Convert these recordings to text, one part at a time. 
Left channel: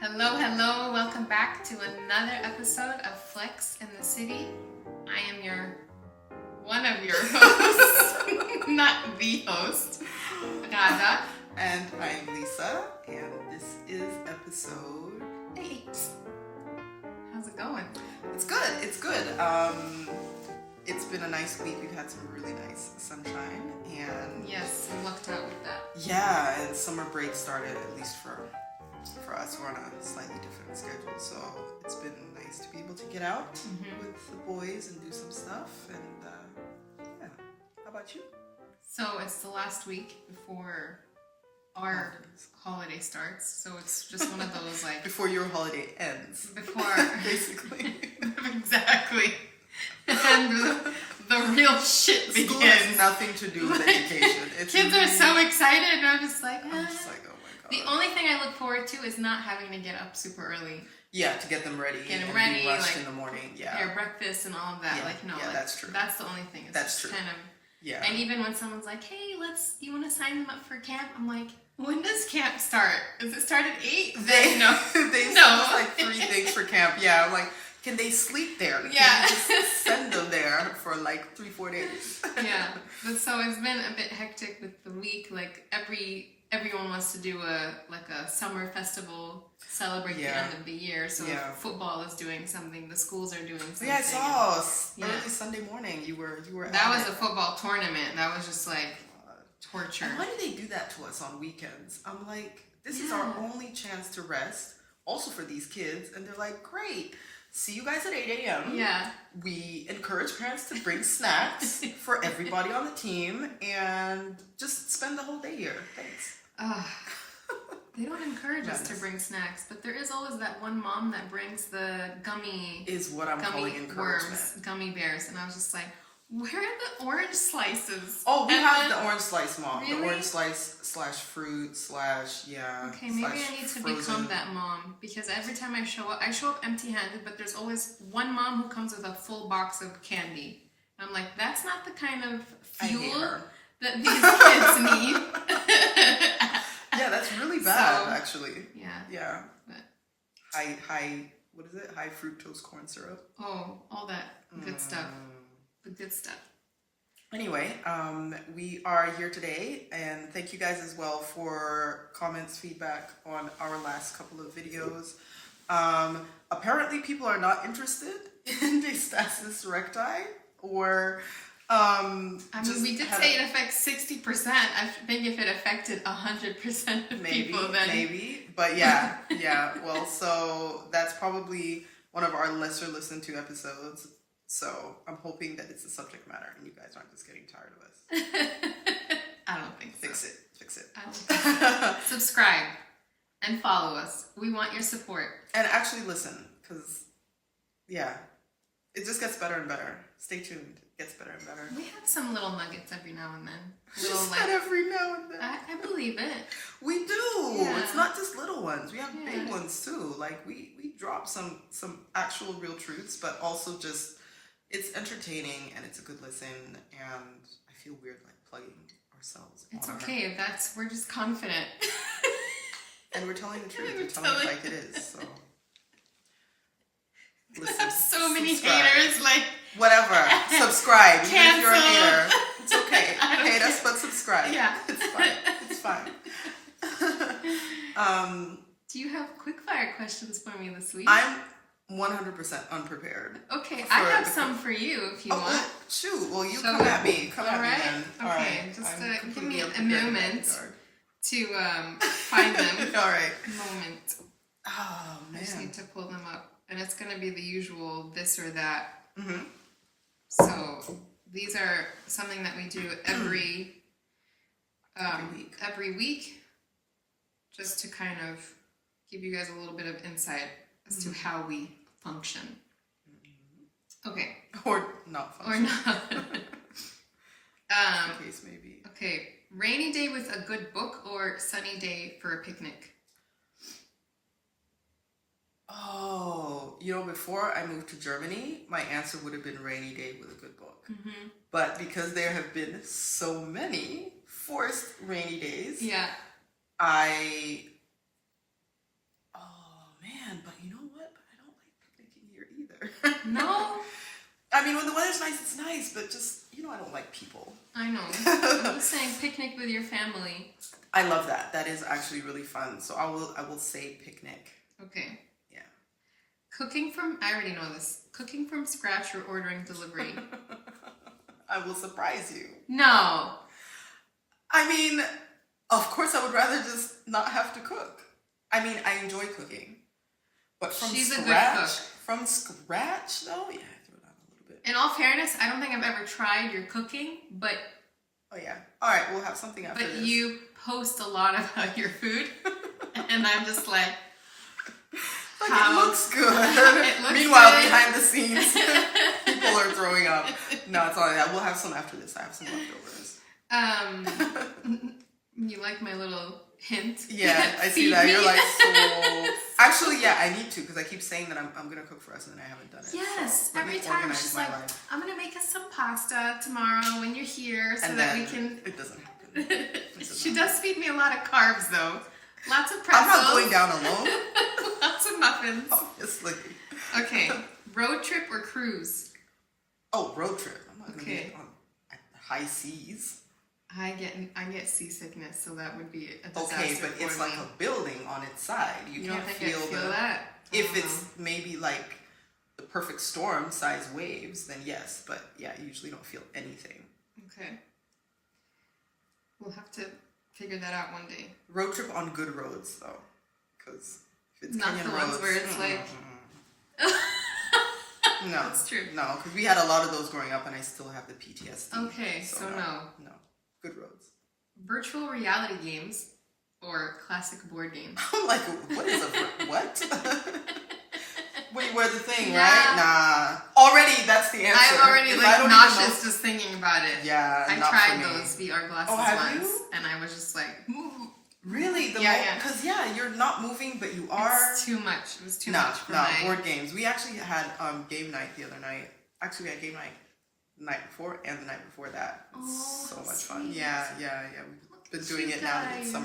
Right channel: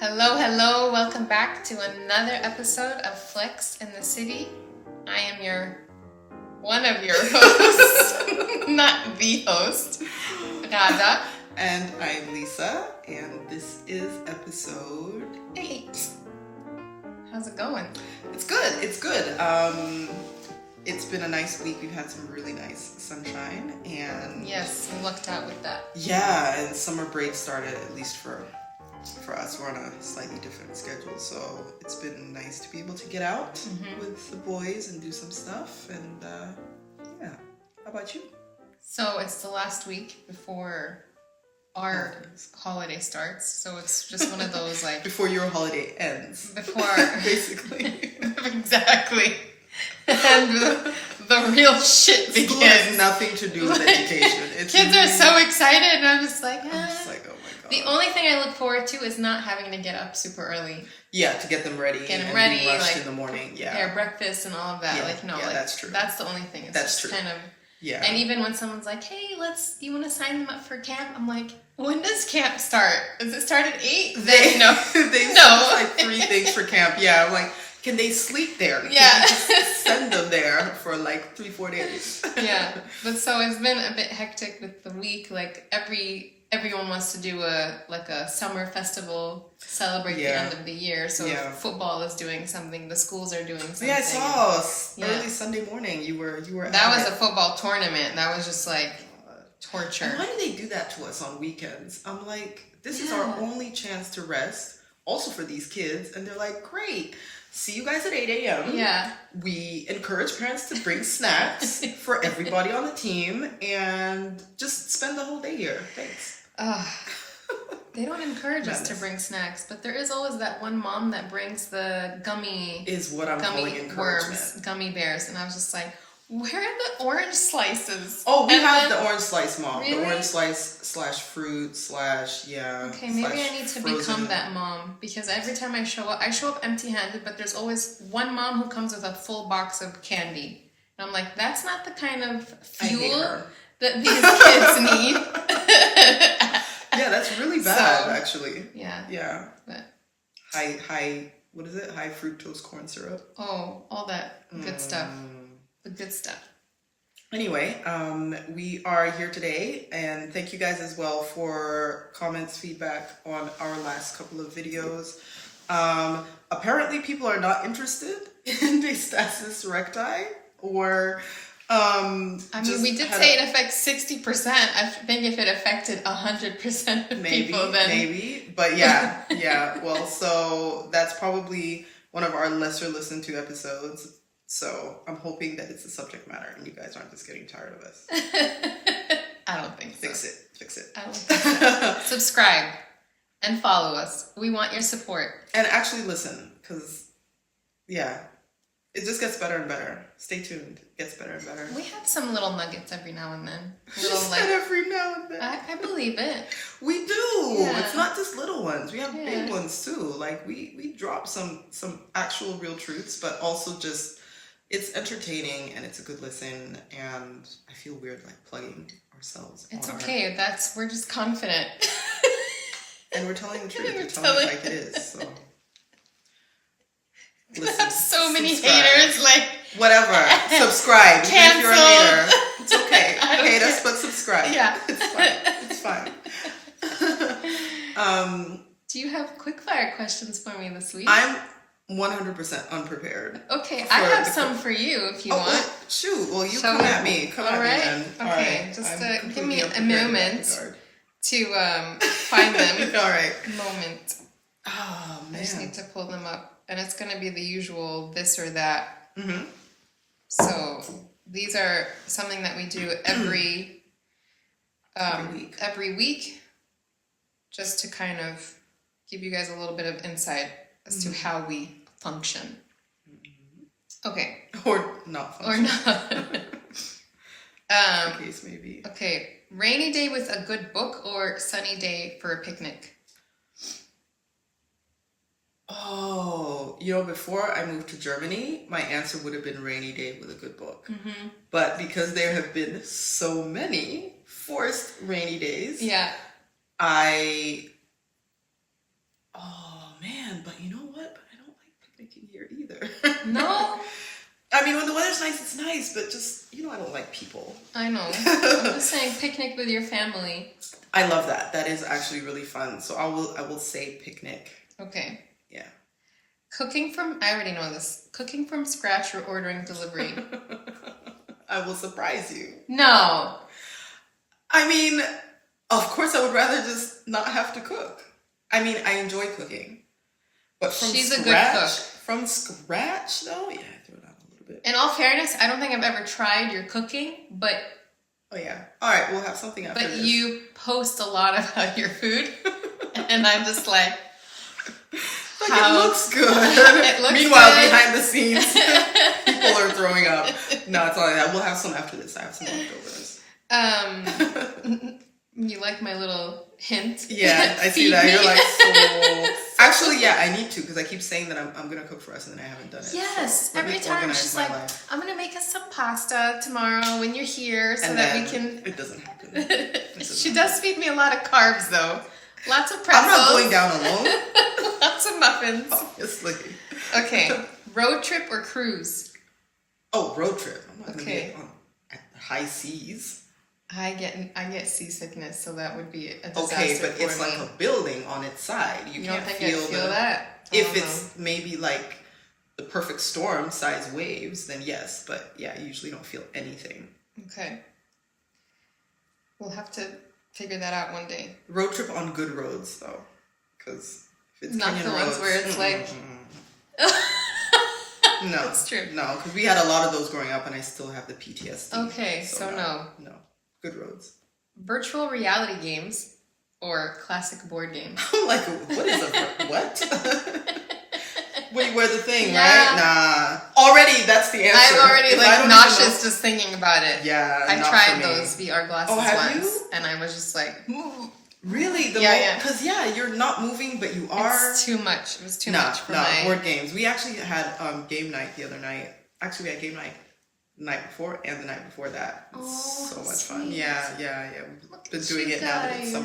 Hello, welcome back to another episode of Flex in the City. I am one of your hosts, not the host, Radha. And I'm Lisa, and this is episode 8. How's it going? It's good. It's been a nice week. We've had some really nice sunshine, and yes, we lucked out with that. Yeah, and summer break started, at least for us. We're on a slightly different schedule, so it's been nice to be able to get out with the boys and do some stuff. And yeah, how about you? So it's the last week before our holiday starts, so it's just one of those like before your holiday ends. Before basically. Exactly. And the real shit begins. School has nothing to do with education. Kids really, are so excited, and I'm just like, I'm just like, oh my god. The only thing I look forward to is not having to get up super early. Yeah, to get them ready. Get them ready, be rushed like in the morning. Yeah, prepare breakfast and all of that. Yeah, that's true. That's the only thing. It's that's true. Kind of. Yeah. And even when someone's like, "Hey, do you want to sign them up for camp?" I'm like, when does camp start? Does it start at 8? They no. They no. Like 3 things for camp. Yeah, I'm like, can they sleep there? Yeah. Can you just send them there for like 3-4 days? Yeah, but so it's been a bit hectic with the week. Like everyone wants to do a summer festival, celebrate the end of the year. So football is doing something, the schools are doing something. Yeah, I saw early Sunday morning. You were. That was a football tournament. That was just like torture. And why do they do that to us on weekends? I'm like, this is our only chance to rest, also for these kids. And they're like, great. See you guys at 8 a.m. Yeah. We encourage parents to bring snacks for everybody on the team and just spend the whole day here. Thanks. They don't encourage us to bring snacks, but there is always that one mom that brings the gummy worms, gummy bears, and I was just like, where are the orange slices? Oh, we have the orange slice, Mom. Really? The orange slice / fruit / Okay, maybe I need to become that mom, because every time I show up empty-handed, but there's always one mom who comes with a full box of candy. And I'm like, that's not the kind of fuel that these kids need. Yeah, that's really bad, actually. Yeah. Yeah. But high, what is it? High fructose corn syrup. Oh, all that good stuff. The good stuff. Anyway, we are here today, and thank you guys as well for comments, feedback on our last couple of videos. Apparently people are not interested in the stasis recti, or I mean, we did say it affects 60%. I think if it affected 100% of people, then maybe. But yeah. Well, so that's probably one of our lesser listened to episodes. So I'm hoping that it's the subject matter, and you guys aren't just getting tired of us. I don't think so. Fix it. I don't think so. Subscribe and follow us. We want your support. And actually listen, because it just gets better and better. Stay tuned. It gets better and better. We have some little nuggets every now and then. Every now and then. I believe it. We do. Yeah. It's not just little ones. We have big ones too. Like we drop some actual real truths, but also just it's entertaining and it's a good listen. And I feel weird like plugging ourselves. It's okay. We're just confident. And we're telling the truth. We're telling it like it is. So. Listen, I have so many haters, like whatever. Subscribe. Even if you're a hater, it's okay. Hate us, but subscribe. Yeah, it's fine. Do you have quickfire questions for me this week? I'm 100% unprepared. Okay, I have some for you if you want. Well, shoot. Well, you come at me. Come at me then. Okay, all right. Just give me a moment to find them. All right. Moment. Oh man. I just need to pull them up. And it's going to be the usual this or that. Mm-hmm. So these are something that we do every week, just to kind of give you guys a little bit of insight as to how we function. Okay. Or not function. Or not. The case may be. Okay. Rainy day with a good book or sunny day for a picnic? Oh, before I moved to Germany, my answer would have been rainy day with a good book. Mm-hmm. But because there have been so many forced rainy days, yeah, Oh man, but you know what? But I don't like picnicking here either. No? I mean, when the weather's nice, it's nice, but just, I don't like people. I know. I'm just saying picnic with your family. I love that. That is actually really fun. So I will say picnic. Okay. Yeah. I already know this. Cooking from scratch or ordering delivery? I will surprise you. No. I mean, of course I would rather just not have to cook. I mean, I enjoy cooking. But She's a good cook. From scratch, though? Yeah, I threw it out a little bit. In all fairness, I don't think I've ever tried your cooking, but... Oh, yeah. All right, we'll have something after this. But you post a lot about your food, and I'm just like... it looks good. It looks Meanwhile, good. behind the scenes, people are throwing up. No, it's all like that. We'll have some after this. I have some leftovers. You like my little hint? Yeah, I see that. You're like, so... Actually, yeah, I need to, because I keep saying that I'm going to cook for us, and then I haven't done it. Yes, so every time she's like, I'm going to make us some pasta tomorrow when you're here so and that we can... It doesn't happen. She does feed me a lot of carbs, though. Lots of pretzels. I'm not going down alone. Lots of muffins. Obviously. Okay, road trip or cruise? Oh, road trip. I'm not going to be at high seas. I get seasickness, so that would be a disaster. Okay, but it's me. like a building on its side. You can't don't think feel, I'd feel that. If it's maybe like the perfect storm size waves, then yes. But yeah, you usually don't feel anything. Okay. We'll have to figure that out one day. Road trip on good roads, though, because if it's not Kenyan the roads, ones where it's like. No, that's true. No, because we had a lot of those growing up, and I still have the PTSD. Okay, so no. Good roads. Virtual reality games or classic board games? I'm like, what is what? When you wear the thing, Yeah. right? Nah. Already, that's the answer. I'm already If like nauseous just thinking about it. Yeah, I not tried for me. those VR glasses have once, you? and I was just like, really? Because you're not moving, but you are. It's too much. It was too much for my board games. We actually had game night the other night. Actually, we had game night the night before and the night before that. It's so much fun. Yeah. We've been doing it now that it's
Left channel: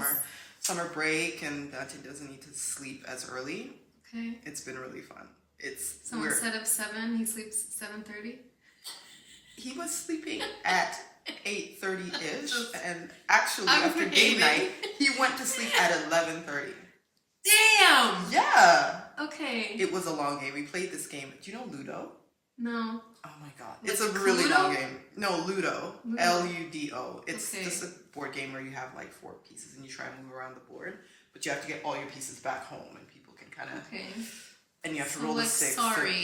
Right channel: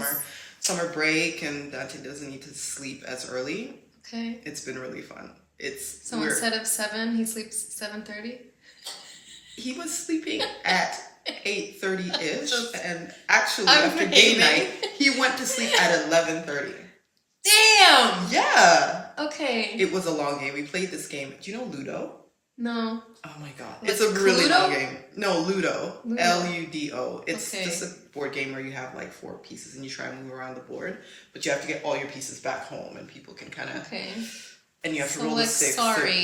summer break, and Dante doesn't need to sleep as early. Okay. It's been really fun. So instead of 7, he sleeps 7:30? He was sleeping at 8:30-ish, and actually after game night, he went to sleep at 11:30. Damn! Yeah. Okay. It was a long game. We played this game. Do you know Ludo? No. Oh my god. Like it's a really Cluedo? long game. No, Ludo. Ludo. It's just a board game where you have like 4 pieces and you try and move around the board, but you have to get all your pieces back home and people can kind of and you have to roll the 6.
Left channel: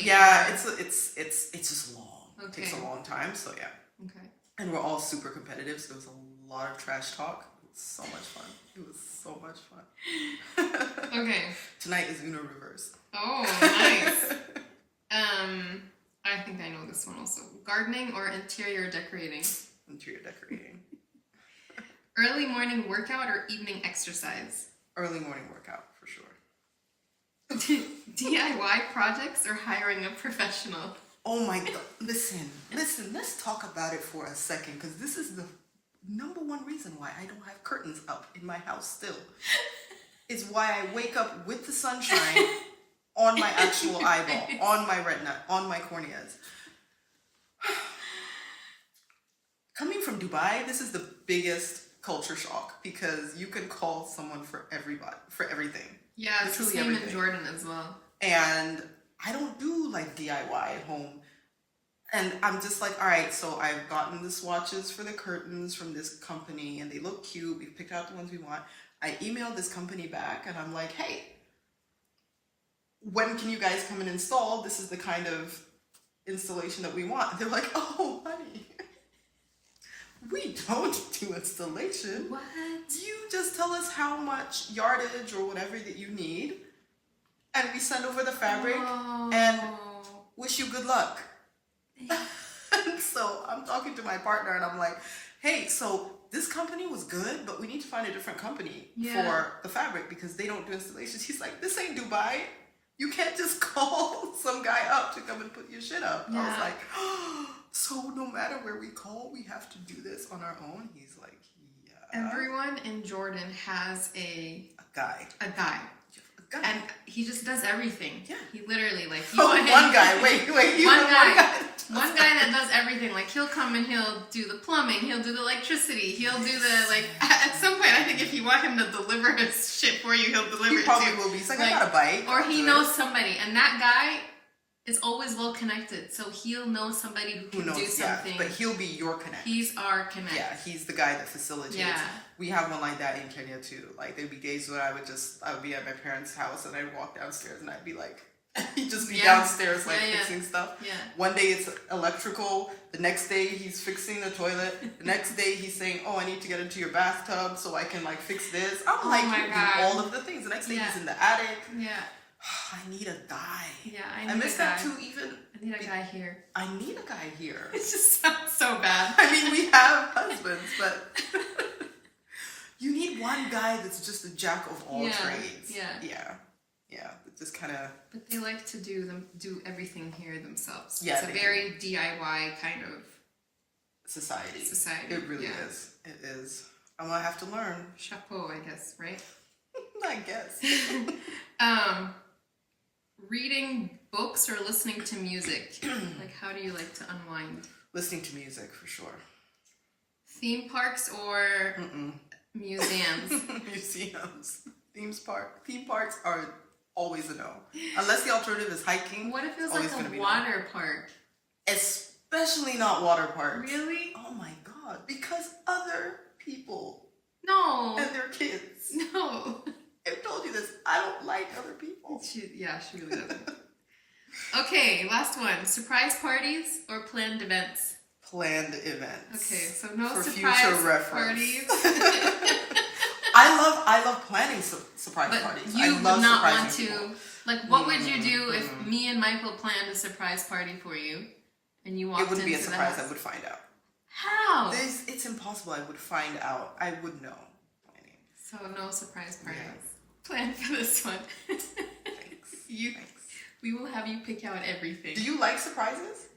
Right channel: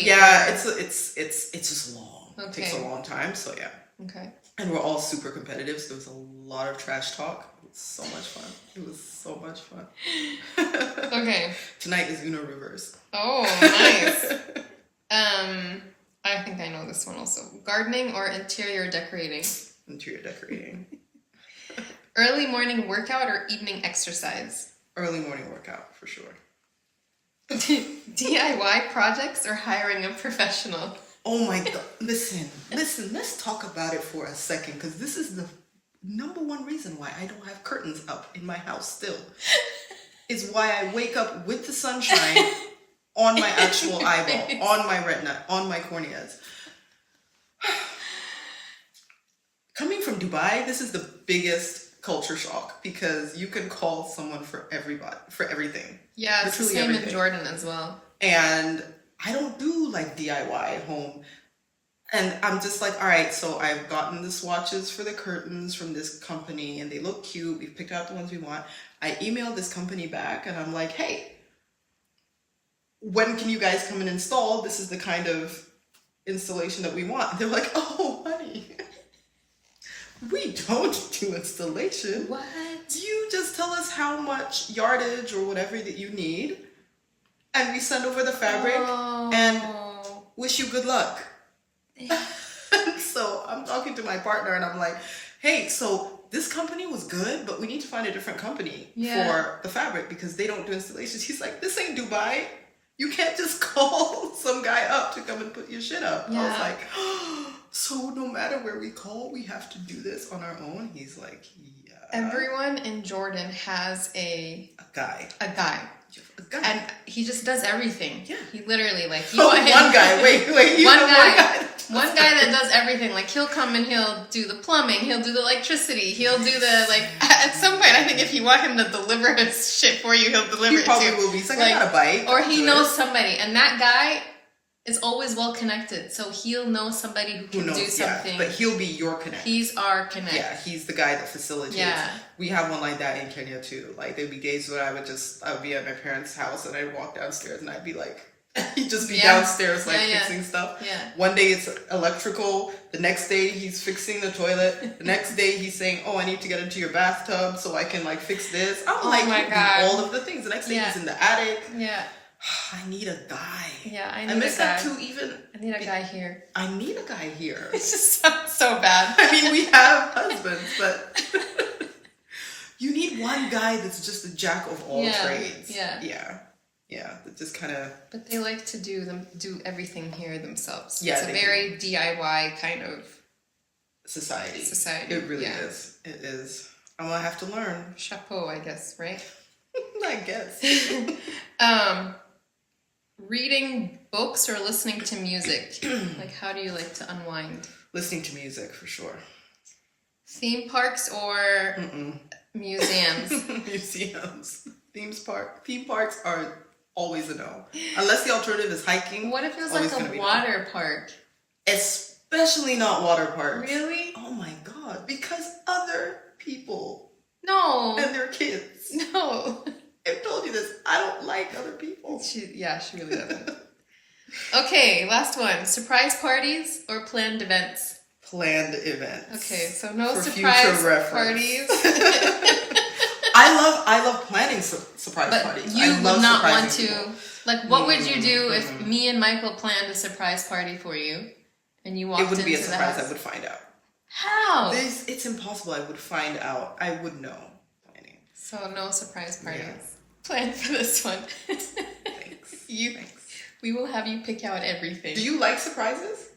Yeah, it's just long. Okay. It takes a long time, so yeah. Okay. And we're all super competitive, so it was a lot of trash talk. It was so much fun. It was so much fun. Okay. Tonight is Uno Reverse. Oh, nice. I think I know this one also. Gardening or interior decorating? Interior decorating. Early morning workout or evening exercise? Early morning workout, for sure. DIY projects or hiring a professional? Oh my god. Listen, let's talk about it for a second, because this is the number one reason why I don't have curtains up in my house still. Is why I wake up with the sunshine on my actual eyeball, on my retina, on my corneas. Coming from Dubai, this is the biggest culture shock, because you can call someone for everything. Yeah, it's the same in Jordan as well. And I don't do like DIY at home. And I'm just like, all right, so I've gotten the swatches for the curtains from this company and they look cute. We've picked out the ones we want. I emailed this company back and I'm like, hey, when can you guys come and install? This is the kind of installation that we want. And they're like, oh, honey, we don't do installation. What? You just tell us how much yardage or whatever that you need. And we send over the fabric and wish you good luck. So I'm talking to my partner and I'm like, hey, so this company was good, but we need to find a different company for the fabric because they don't do installations. He's like, this ain't Dubai. You can't just call some guy up to come and put your shit up. I was like, oh, so no matter where we call, we have to do this on our own? He's like, yeah. Everyone in Jordan has a guy. A guy. And he just does everything. Yeah. He literally, like, one guy. Wait. One guy that does everything. Like, he'll come and he'll do the plumbing. He'll do the electricity. He'll do the, like, at some point, I think if you want him to deliver his shit for you, he'll deliver it too. He probably will be. He's like, I got a bike. Or he knows somebody. And that guy is always well connected. So he'll know somebody who can do something. Yeah, but he'll be your connect. He's our connect. Yeah, he's the guy that facilitates. Yeah. We have one like that in Kenya too. Like, there'd be days when I would be at my parents' house and I'd walk downstairs and I'd be like, he'd just be downstairs like fixing stuff. Yeah. One day it's electrical. The next day he's fixing the toilet. The next day he's saying, oh, I need to get into your bathtub so I can like fix this. I'm like, all of the things. The next day he's in the attic. Yeah. I need a guy. Yeah, I miss that too. Even I need a guy here. I need a guy here. It just sounds so bad. I mean, we have husbands, but you need one guy that's just a jack of all trades. Yeah. That just kind of. But they like to do everything here themselves. Yeah, it's a very DIY kind of society. It really is. It is. I'm gonna have to learn. Chapeau, I guess, right? I guess. Reading books or listening to music? Like, how do you like to unwind? Listening to music, for sure. Theme parks or museums? Museums. Theme parks are always a no. Unless the alternative is hiking. What if it was like a water park? Especially not water parks. Really? Oh my God. Because other people. No. And their kids. No. I've told you this. I don't like other people. She really doesn't. Okay, last one. Surprise parties or planned events? Planned events. Okay, so no surprise parties. I love planning surprise parties. You would not want to. People. Like, what would you do if me and Michael planned a surprise party for you, and you walked into the house? It wouldn't be a surprise. I would find out. How? It's impossible. I would find out. I would know. Planning. So no surprise parties. Yeah. Plan for this one. Thanks. Thanks. We will have you pick out everything. Do you like surprises?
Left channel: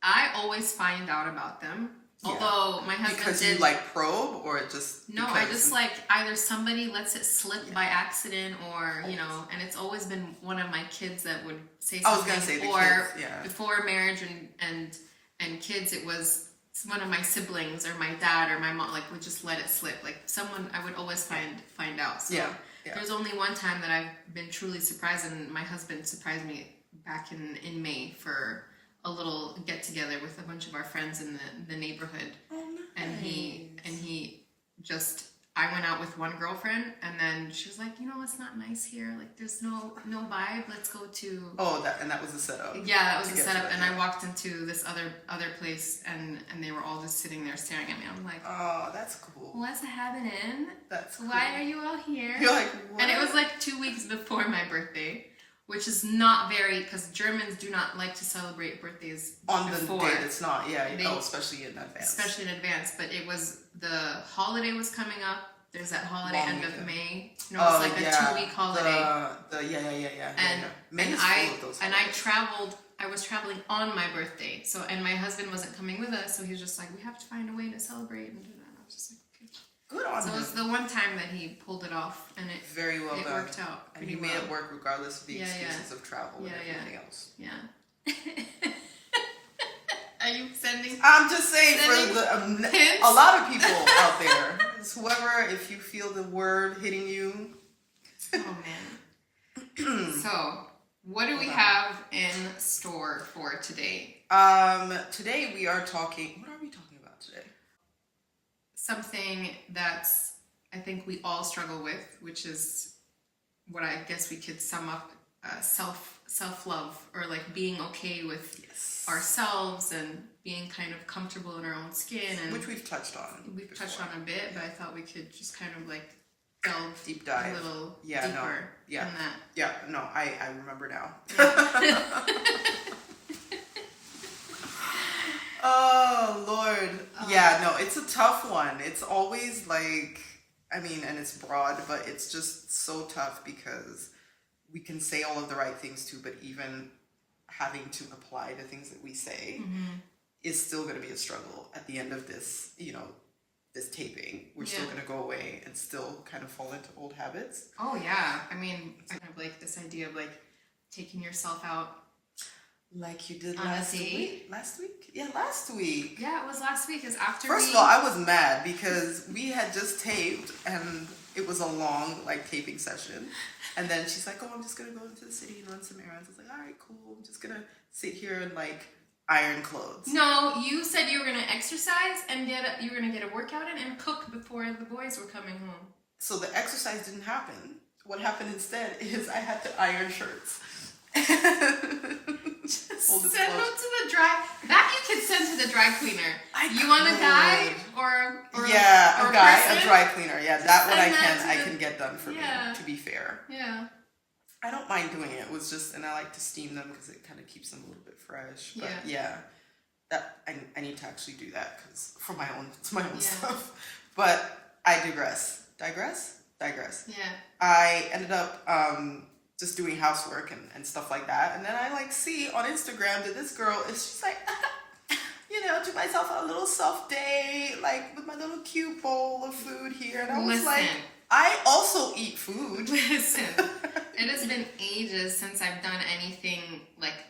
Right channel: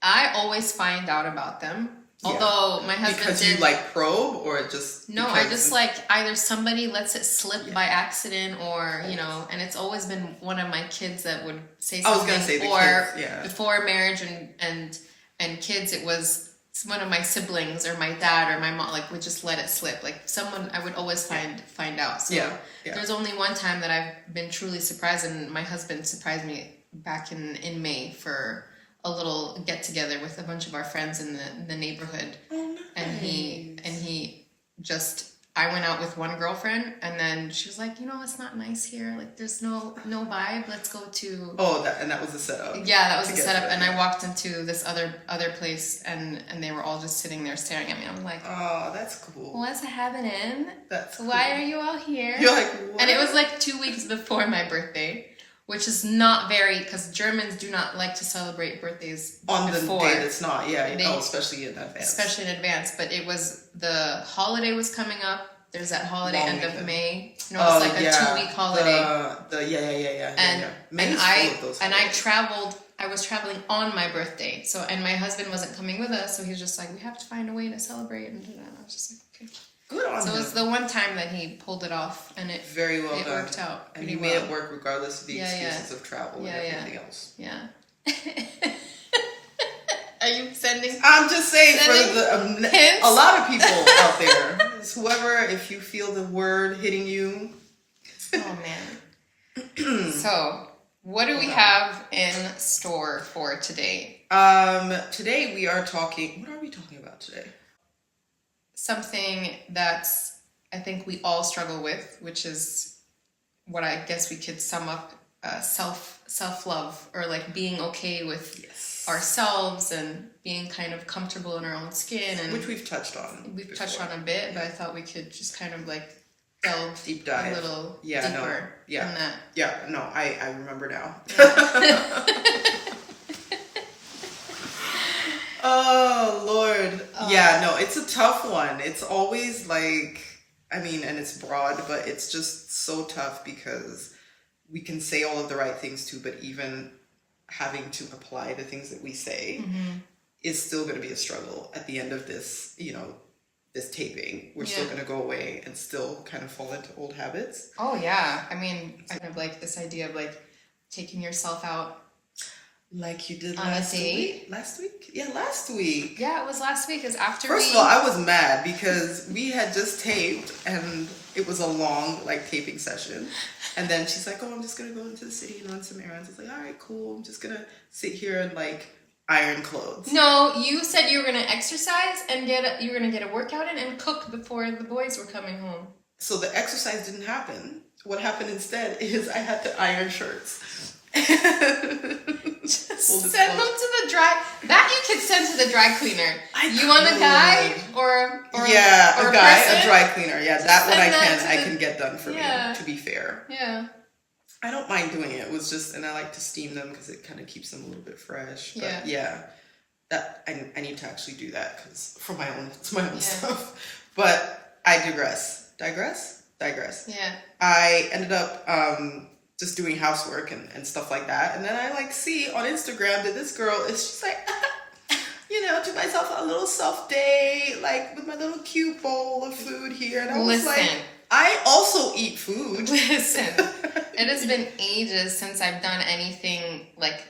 I always find out about them. Yeah. Although my husband because you like probe or just no, I just like either somebody lets it slip by accident or and it's always been one of my kids that would say something. I was gonna say the kids, before marriage and kids, it was one of my siblings or my dad or my mom would just let it slip. Like someone I would always find out. So there's only one time that I've been truly surprised, and my husband surprised me back in May for a little get together with a bunch of our friends in the neighborhood. Oh, nice. And he just I went out with one girlfriend, and then she was like, it's not nice here. Like, there's no vibe. Let's go to. Oh, that was the setup. Yeah, that was the setup. And I walked into this other place, and they were all just sitting there staring at me. I'm like, oh, that's cool. What's happening? That's cool. Why are you all here? You're like, what? And it was like 2 weeks before my birthday, which is not because Germans do not like to celebrate birthdays on before. The day that's not, especially in advance. Especially in advance, but it was, the holiday was coming up. There's that holiday end of May. It's like a 2-week holiday. Yeah. And I was traveling on my birthday. So, and my husband wasn't coming with us, so he was just like, we have to find a way to celebrate. And I was just like, okay. Good on him. So it was the one time that he pulled it off, and it very well done. Worked out. And he made it work regardless of the excuses of travel and everything else. Yeah. Are you sending? I'm just saying for a lot of people out there, whoever, if you feel the word hitting you. Oh man. So, what do we have in store for today? Today we are talking. What are we talking about today? Something that's I think we all struggle with, which is what I guess we could sum up self-love, or like being okay with ourselves and being kind of comfortable in our own skin, and which we've touched on. We've touched on a bit, but I thought we could just kind of like delve deep dive a little deeper in that. Yeah, no, I remember now. Oh Lord. Yeah, no, it's a tough one. It's always like, and it's broad, but it's just so tough because we can say all of the right things too, but even having to apply the things that we say is still going to be a struggle at the end of this, this taping, we're still going to go away and still kind of fall into old habits. Oh, yeah. I mean, I have like this idea of like taking yourself out. Like you did on last a date? week? Last week? Yeah, last week. Yeah, it was last week. Because after First of all, I was mad because we had just taped and it was a long like taping session. And then she's like, oh, I'm just going to go into the city and run some errands. I was like, all right, cool. I'm just going to sit here and like iron clothes. No, you said you were going to exercise and you were going to get a workout in and cook before the boys were coming home. So the exercise didn't happen. What happened instead is I had to iron shirts. Send them to the dry. That you could send to the dry cleaner. You want a guy or yeah, or a guy, person? a dry cleaner. Yeah, that one I to can get done for me. To be fair. Yeah. I don't mind doing it. It was just, and I like to steam them because it kind of keeps them a little bit fresh. But yeah, that I need to actually do that because for my own stuff. But I digress. Yeah. I ended up just doing housework and stuff like that, and then I like see on Instagram that this girl she's like, to myself a little self day, like with my little cute bowl of food here, and I was like, I also eat food. Listen, it has been ages since I've done anything like.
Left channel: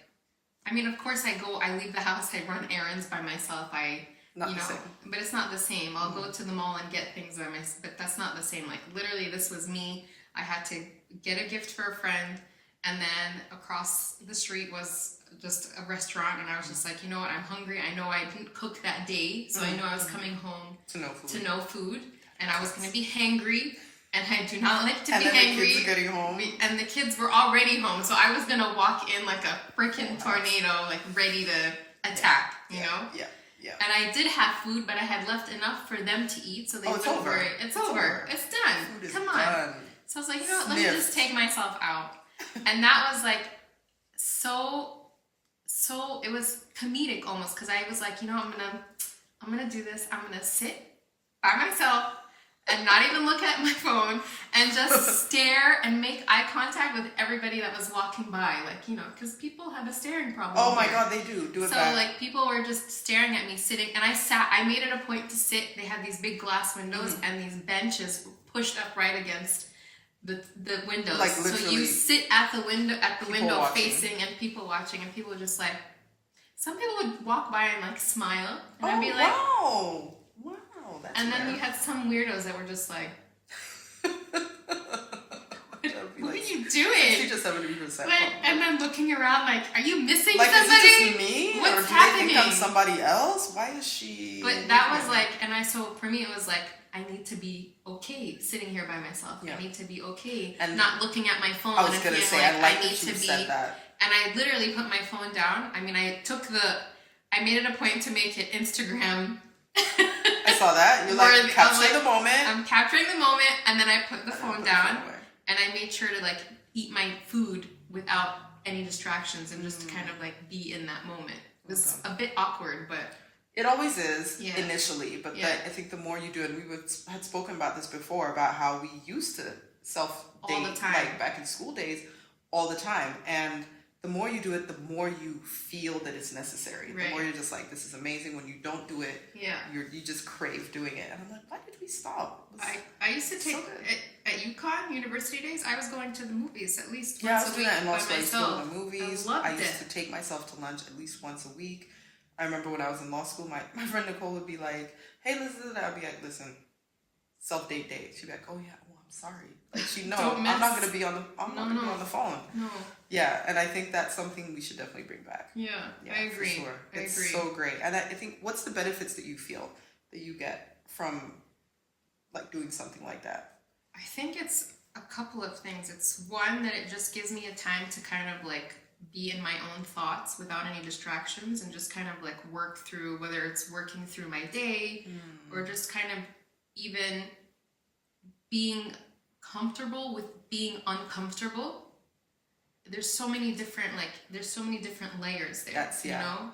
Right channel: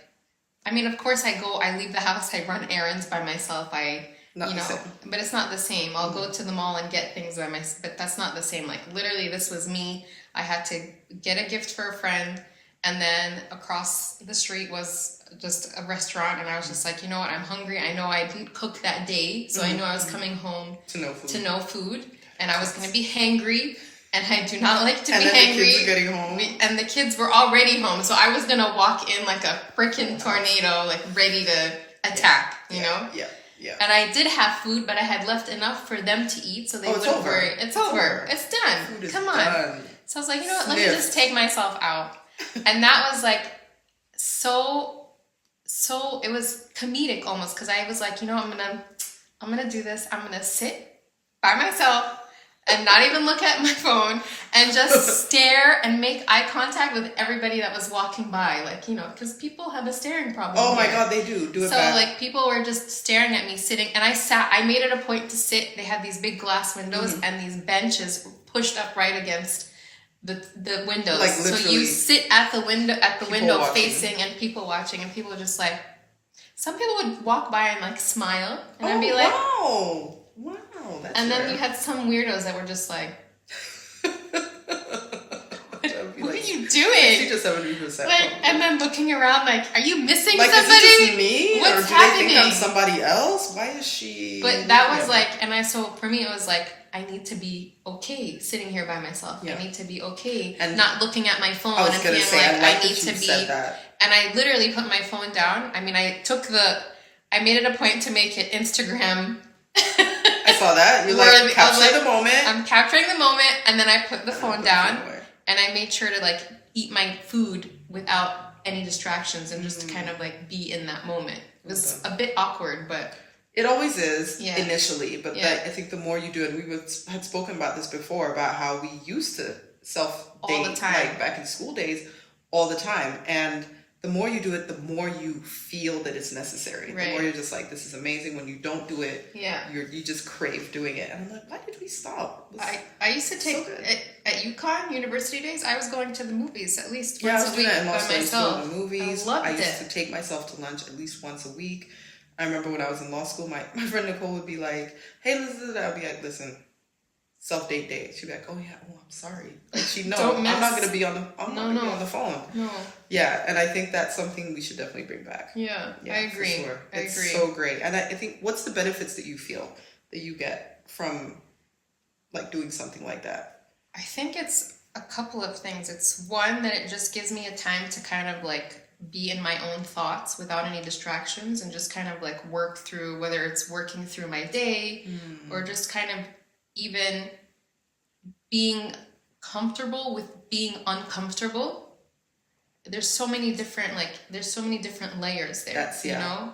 I mean, of course, I leave the house, I run errands by myself. But it's not the same. I'll go to the mall and get things by myself, but that's not the same. Like literally, this was me. I had to get a gift for a friend, and then across the street was just a restaurant, and I was just like, you know what, I'm hungry. I know I didn't cook that day, so I knew I was coming home to no food, and I was going to be hangry, and I do not like to be hangry. And then the kids are getting home. And the kids were already home, so I was going to walk in like a freaking tornado, like ready to attack, you know? Yeah. Yeah. And I did have food, but I had left enough for them to eat, so they wouldn't worry. It's over. It's done. Food is Come on. Done. So I was like, you know what? Let me just take myself out. And that was like so it was comedic almost, because I was like, you know, I'm gonna do this. I'm gonna sit by myself and not even look at my phone and just stare and make eye contact with everybody that was walking by, like, because people have a staring problem. Oh my God, they do. Do it back. So like people were just staring at me sitting, and I made it a point to sit. They had these big glass windows and these benches pushed up right against the windows. Like literally. So you sit at the window watching. facing, and people watching, and people were just like, some people would walk by and like smile, and I'd be like, wow, that's and then rare. you had some weirdos that were just like, what are you doing? 60 to 70%. Like, and then looking around like, are you missing like, somebody? Is it just me? What's or do happening? they think I'm somebody else? Why is she? But that was like, so for me it was like, I need to be okay sitting here by myself. Yeah. I need to be okay and not looking at my phone. I was gonna say, I like that you said that. And I literally put my phone down. I mean, I made it a point to make it Instagram. I saw that. You like capture the moment. I'm capturing the moment, and then I put the phone down, and I made sure to like eat my food without any distractions and just kind of like be in that moment. It was a bit awkward, but it always is initially. But I think the more you do it, we had spoken about this before about how we used to self-date like back in school days all the time, and the more you do it, the more you feel that it's necessary. Right. The more you're just like, this is amazing. When you don't do it, you just crave doing it. And I'm like, why did we stop? I used to take at UConn university days. I was going to the movies at least once I was a doing week that in law by school. myself. To the movies. I used to take myself to lunch at least once a week. I remember when I was in law school, my friend Nicole would be like, "Hey, listen to that." I'd be like, "Listen, self-date day." She'd be like, "Oh yeah, I'm sorry." Like I'm not gonna be on the phone. No. Yeah, and I think that's something we should definitely bring back. Yeah, I agree. For sure. It's so great. And I think, what's the benefits that you feel that you get from like doing something like that? I think it's a couple of things. It's one, that it just gives me a time to kind of like be in my own thoughts without any distractions, and just kind of like work through, whether it's working through my day or just kind of even being comfortable with being uncomfortable. There's so many different layers there.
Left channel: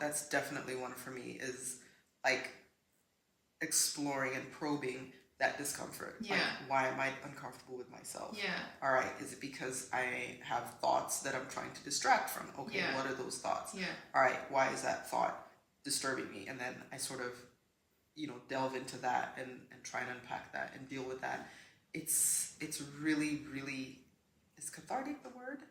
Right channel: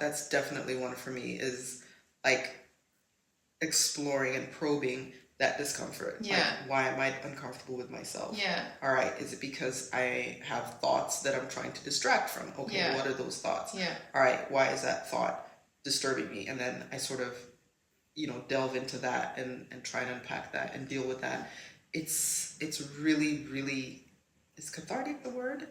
That's definitely one for me, is like exploring and probing that discomfort. Yeah. Like, why am I uncomfortable with myself? Yeah. All right. Is it because I have thoughts that I'm trying to distract from? Okay. What are those thoughts? Yeah. All right. Why is that thought disturbing me? And then I sort of delve into that and try and unpack that and deal with that. It's really, really, is cathartic the word?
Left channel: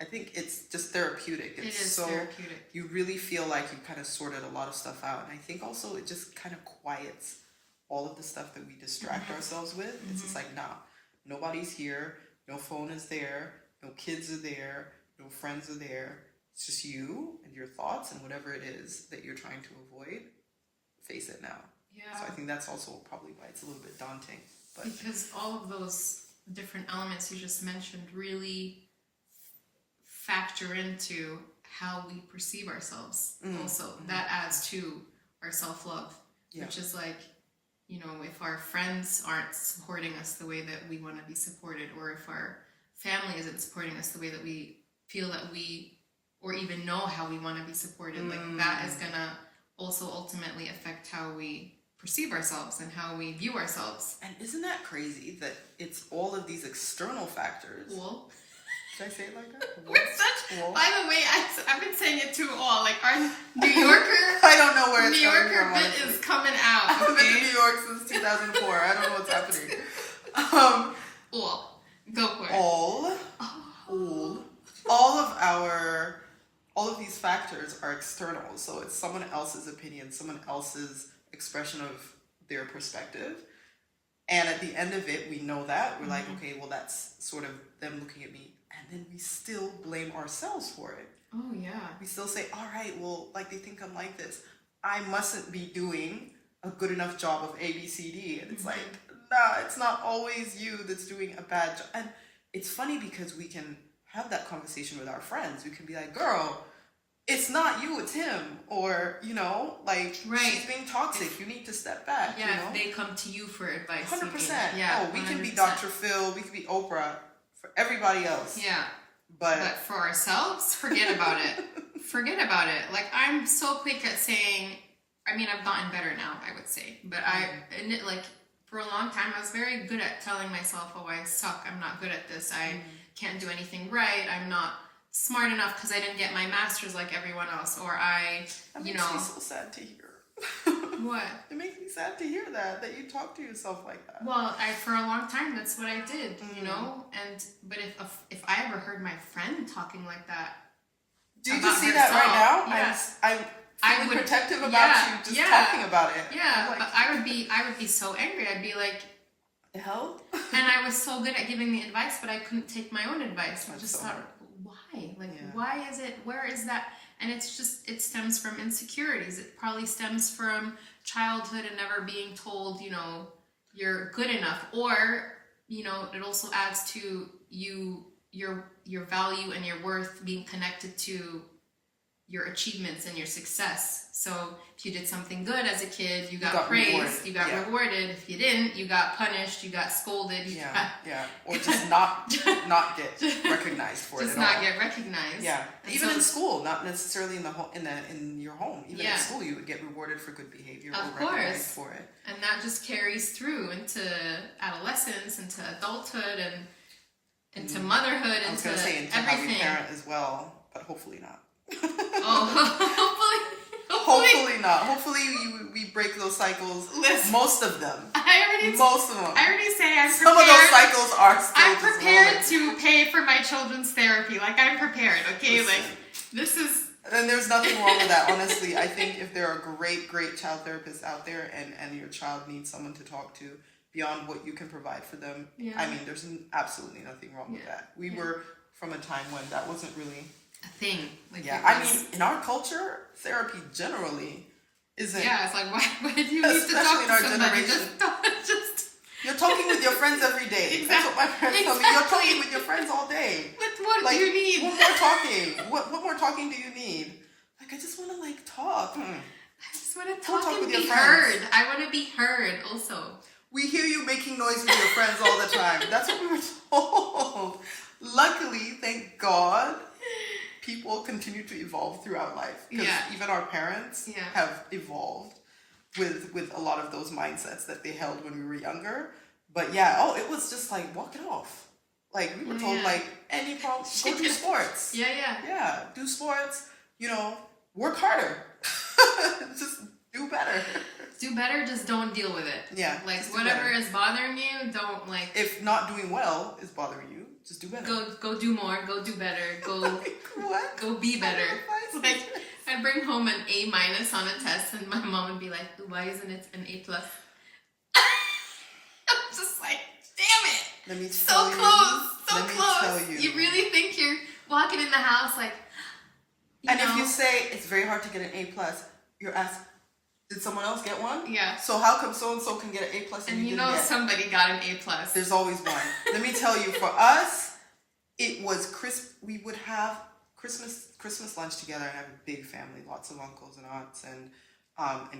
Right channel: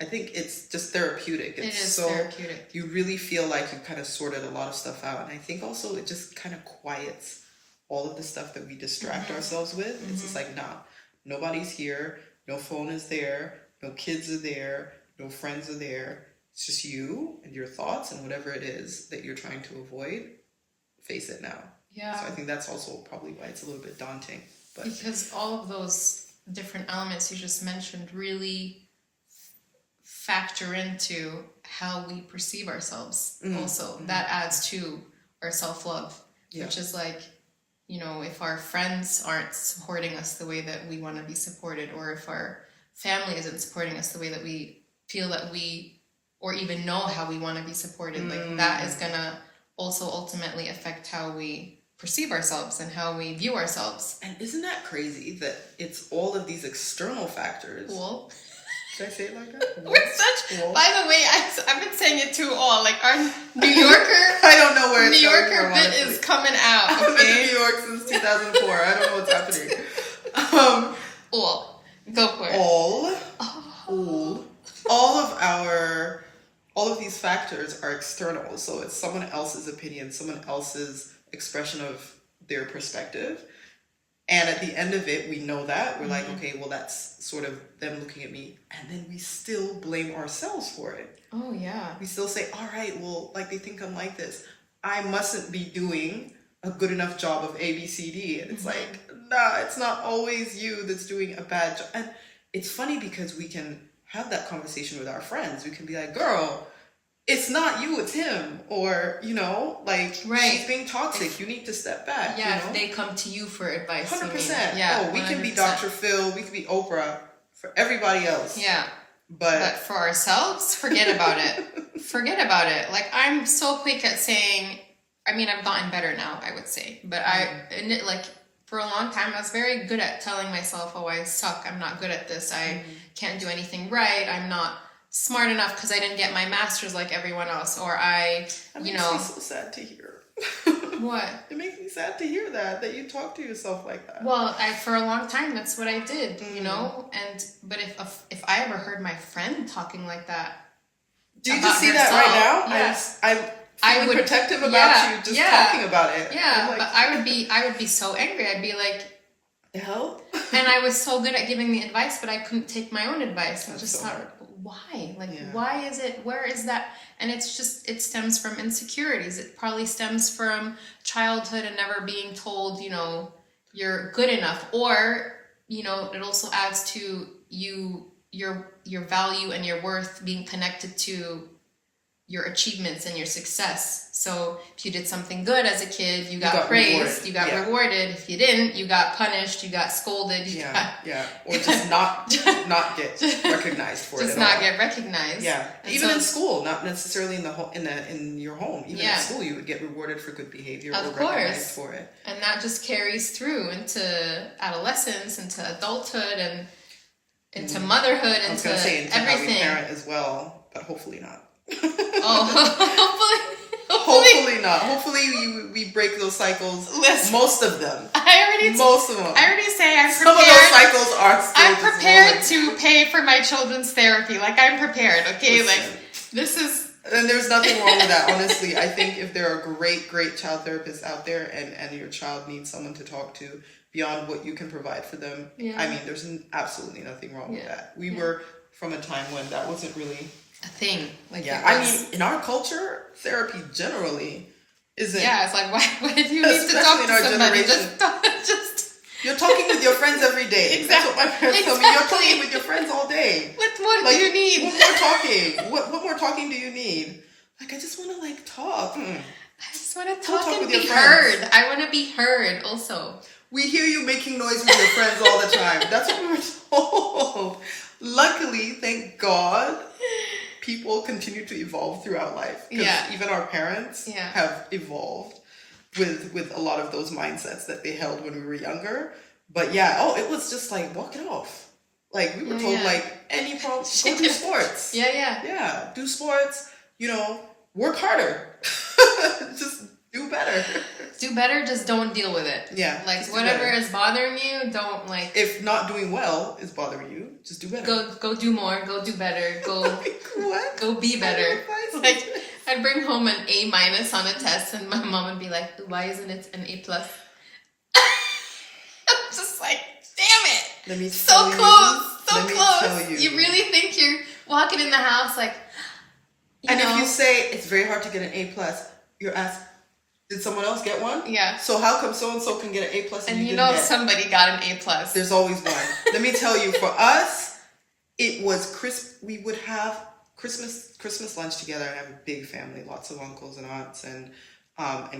I think it's just therapeutic. It is therapeutic. You really feel like you kind of sorted a lot of stuff out. And I think also it just kind of quiets all of the stuff that we distract ourselves with. It's just like, nah, nobody's here. No phone is there. No kids are there. No friends are there. It's just you and your thoughts and whatever it is that you're trying to avoid. Face it now. Yeah. So I think that's also probably why it's a little bit daunting. But because all of those different elements you just mentioned really factor into how we perceive ourselves. Also, that adds to our self-love, which is like, if our friends aren't supporting us the way that we want to be supported, or if our family isn't supporting us the way that we feel that we, or even know how we want to be supported, like that is gonna also ultimately affect how we perceive ourselves and how we view ourselves. And isn't that crazy that it's all of these external factors? Cool. Did I say it like that? We're such. Cool. By the way, I've been saying it too all. Like our New Yorker. I don't know where it's New Yorker from, bit honestly. is coming out. Okay? I've been to New York since 2004. I don't know what's happening. Go for it. All of these factors are external. So it's someone else's opinion, someone else's expression of their perspective. And at the end of it, we know that. We're like, okay, well, that's sort of them looking at me. And then we still blame ourselves for it. Oh, yeah. We still say, all right, well, like they think I'm like this. I mustn't be doing a good enough job of A, B, C, D. And it's like, nah, it's not always you that's doing a bad job. And it's funny because we can have that conversation with our friends. We can be like, girl, it's not you, it's him. Or, she's being toxic. You need to step back. Yeah, if they come to you for advice. 100%. Yeah, we 100%. Can be Dr. Phil. We can be Oprah for everybody else. Yeah. But for ourselves, forget about it. Forget about it. Like, I'm so quick at saying, I've gotten better now, I would say. But for a long time, I was very good at telling myself, oh, I suck. I'm not good at this. I can't do anything right. I'm not smart enough because I didn't get my master's like everyone else. Or That makes me so sad to hear. What? It makes me sad to hear that you talk to yourself like that. Well, for a long time, that's what I did, but if I ever heard my friend talking like that, do you just see that right now? Yes. I'm feeling protective about you just talking about it. Yeah, but I would be so angry. I'd be like, the hell? And I was so good at giving the advice, but I couldn't take my own advice. I just thought, why? Why is it? Where is that? And it stems from insecurities. It probably stems from childhood and never being told, you're good enough. Or, it also adds to your value and your worth being connected to your achievements and your success. So if you did something good as a kid, you got praised, you got rewarded. If you didn't, you got punished, you got scolded. Or just not get recognized for it. Just not get recognized. Yeah, and even in school, not necessarily in your home. Even in school, you would get rewarded for good behavior or recognized for it. And that just carries through into adolescence, into adulthood, and into motherhood, I was into say into everything. How we parent as well, but hopefully not. Hopefully not. Hopefully we break those cycles. Listen, most of them. I already say I'm prepared. Some of those cycles are still I'm prepared to pay for my children's therapy. Like, I'm prepared, okay? Listen, this is... And there's nothing wrong with that, honestly. I think if there are great child therapists out there and your child needs someone to talk to beyond what you can provide for them, there's absolutely nothing wrong with that. We were from a time when that wasn't really... a thing. In our culture, therapy generally isn't. Yeah, it's like, why do you need to talk to somebody? Just you're talking with your friends every day. Exactly. That's what my parents tell me. You're talking with your friends all day. What do you need? What more talking? What more talking do you need? I just want to talk. I just want to talk and be heard. I want to be heard also. We hear you making noise with your friends all the time. That's what we were told. Luckily, thank God, people continue to evolve throughout life. Because even our parents have evolved with a lot of those mindsets that they held when we were younger. But it was just walk it off. We were told any problem, go do sports. Yeah, do sports, work harder. Just Do better. Do better, just don't deal with it. Yeah. Like, whatever is bothering you, don't, like... If not doing well is bothering you, just do better. Go do more. Go do better. Go... Like, what? Go be better. Like, I'd bring home an A- on a test, and my mom would be like, why isn't it an A+? I'm just like, damn it! Let me so tell close, so Let me close. tell you. You really think you're walking in the house like, and if you say it's very hard to get an A+, you're asked, did someone else get one? Yeah. So how come so and so can get an A+ and you know didn't get? Somebody got an A+. There's always one. Let me tell you, for us, it was we would have Christmas lunch together, and I have a big family, lots of uncles and aunts and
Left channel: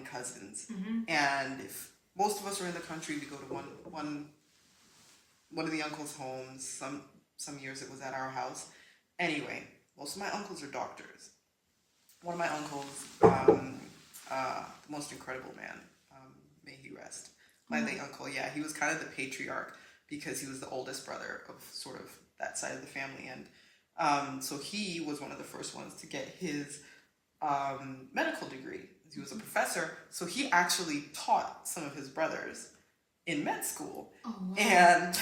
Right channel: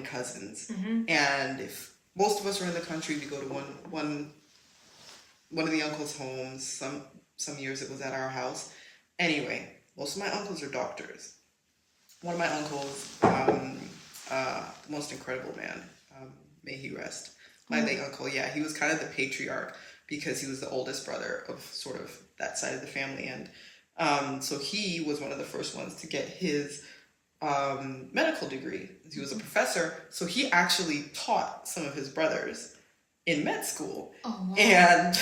cousins. Mm-hmm. And if most of us are in the country, we go to one of the uncles' homes. Some years it was at our house. Anyway, most of my uncles are doctors. One of my uncles, the most incredible man, may he rest. My late uncle, yeah, he was kind of the patriarch because he was the oldest brother of sort of that side of the family. And so he was one of the first ones to get his medical degree. He was a professor, so he actually taught some of his brothers in med school. Oh, wow. And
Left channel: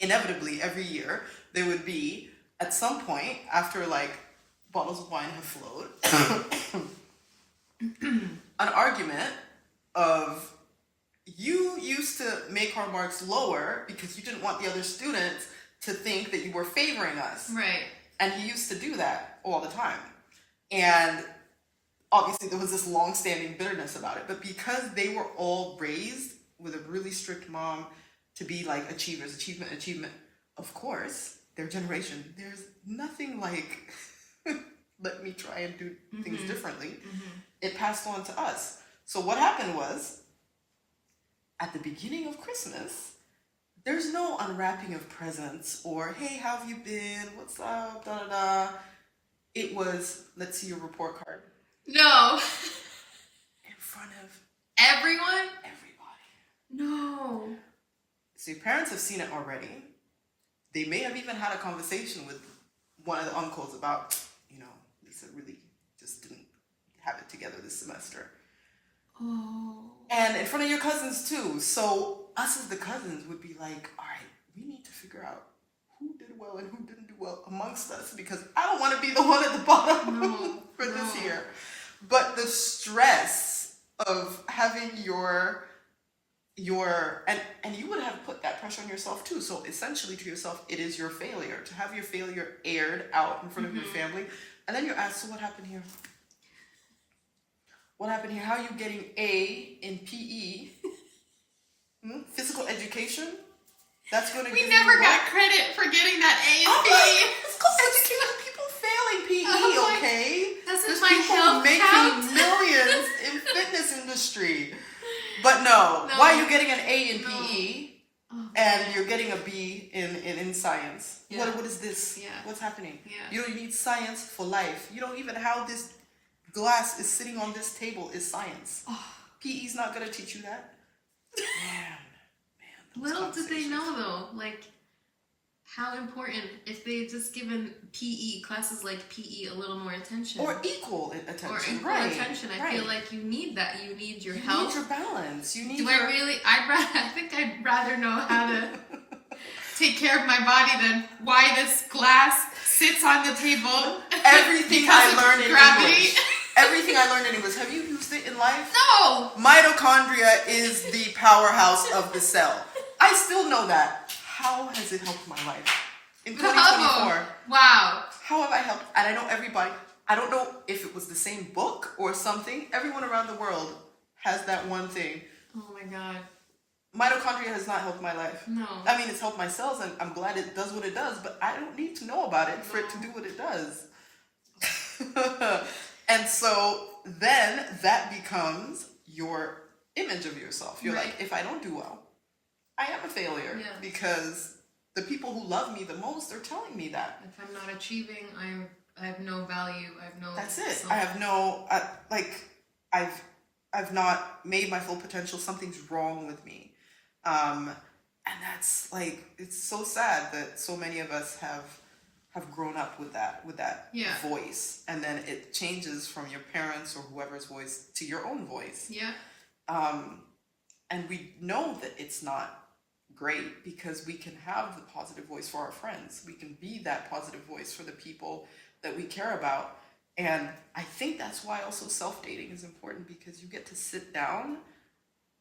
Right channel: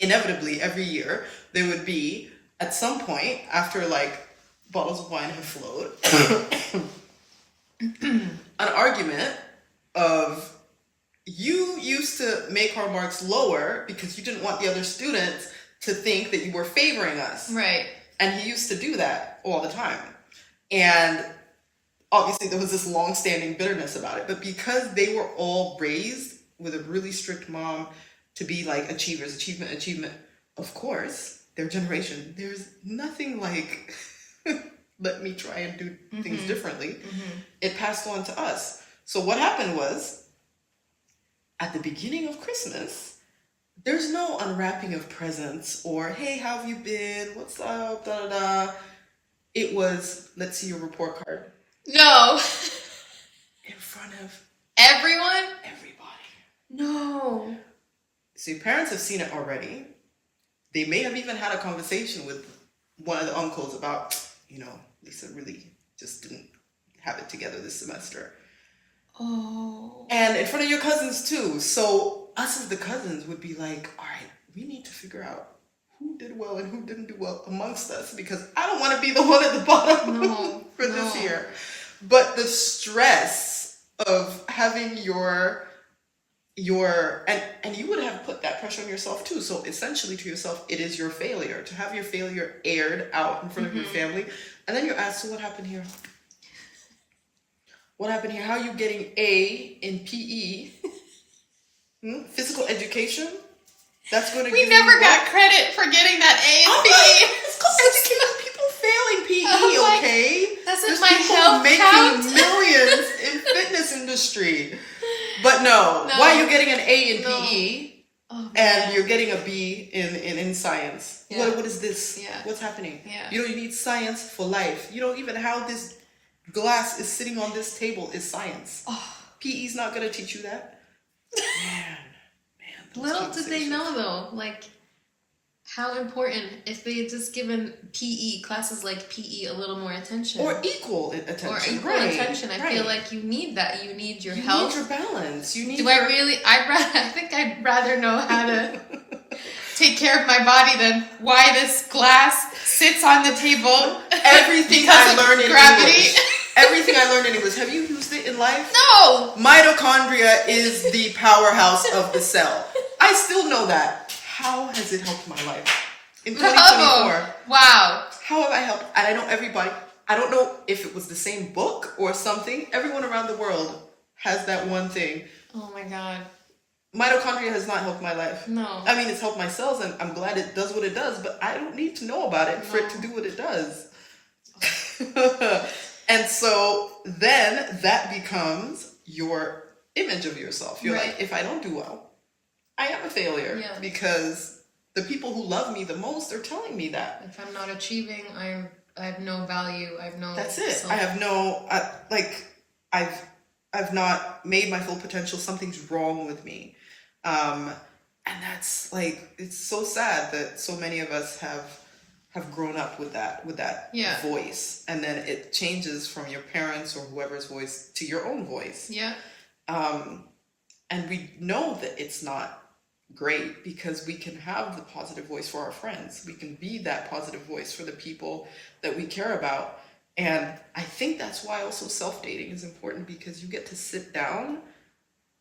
inevitably, every year, there would be, at some point, after like bottles of wine have flowed, an argument of, you used to make our marks lower because you didn't want the other students to think that you were favoring us. Right. And he used to do that all the time. And obviously there was this long-standing bitterness about it. But because they were all raised with a really strict mom to be like achievers, achievement, of course, their generation, there's nothing like, let me try and do things differently. Mm-hmm. It passed on to us. So what happened was, at the beginning of Christmas, there's no unwrapping of presents or, hey, how have you been? What's up? Da da da. It was, let's see your report card. No. In front of everyone? Everybody. No. So your parents have seen it already. They may have even had a conversation with one of the uncles about, Lisa really just didn't have it together this semester. Oh. And in front of your cousins too. So us as the cousins would be like, all right, we need to figure out who did well and who didn't do well amongst us, because I don't want to be the one at the bottom for this year. But the stress of having your and you would have put that pressure on yourself too. So essentially to yourself, it is your failure. To have your failure aired out in front of your family. And then you're asked, so what happened here? What happened here? How are you getting A in PE? Physical education? That's going to give you... We never got credit for getting that A in PE. It's called education. People failing PE, okay? There's my health making millions in fitness industry. But no. Why are you getting an A in PE and you're getting a B in science? Yeah. What is this? Yeah. What's happening? Yeah. You need science for life. Even how this glass is sitting on this table is science. PE's not going to teach you that. Man. Little did they know though, like how important if they had just given PE classes like PE a little more attention, or equal attention. I feel like you need that. You need your health. You need your balance. You need. I think I'd rather know how to take care of my body than why this glass sits on the table. Everything I learned in English. Everything I learned in English. Have you used it in life? No. Mitochondria is the powerhouse of the cell. I still know that. How has it helped my life? In 2024. Wow. How have I helped? And I know everybody. I don't know if it was the same book or something. Everyone around the world has that one thing. Oh my God. Mitochondria has not helped my life. No. I mean, it's helped my cells and I'm glad it does what it does, but I don't need to know about it for it to do what it does. And so then that becomes your image of yourself. You're like, if I don't do well, I am a failure because the people who love me the most are telling me that. If I'm not achieving, I have no value. I have no. That's it. I have no I've not made my full potential. Something's wrong with me, and that's like, it's so sad that so many of us have have grown up with that Yeah. voice, and then it changes from your parents or whoever's voice to your own voice. Yeah. And we know that it's not great, because we can have the positive voice for our friends. We can be that positive voice for the people that we care about. And I think that's why also self-dating is important, because you get to sit down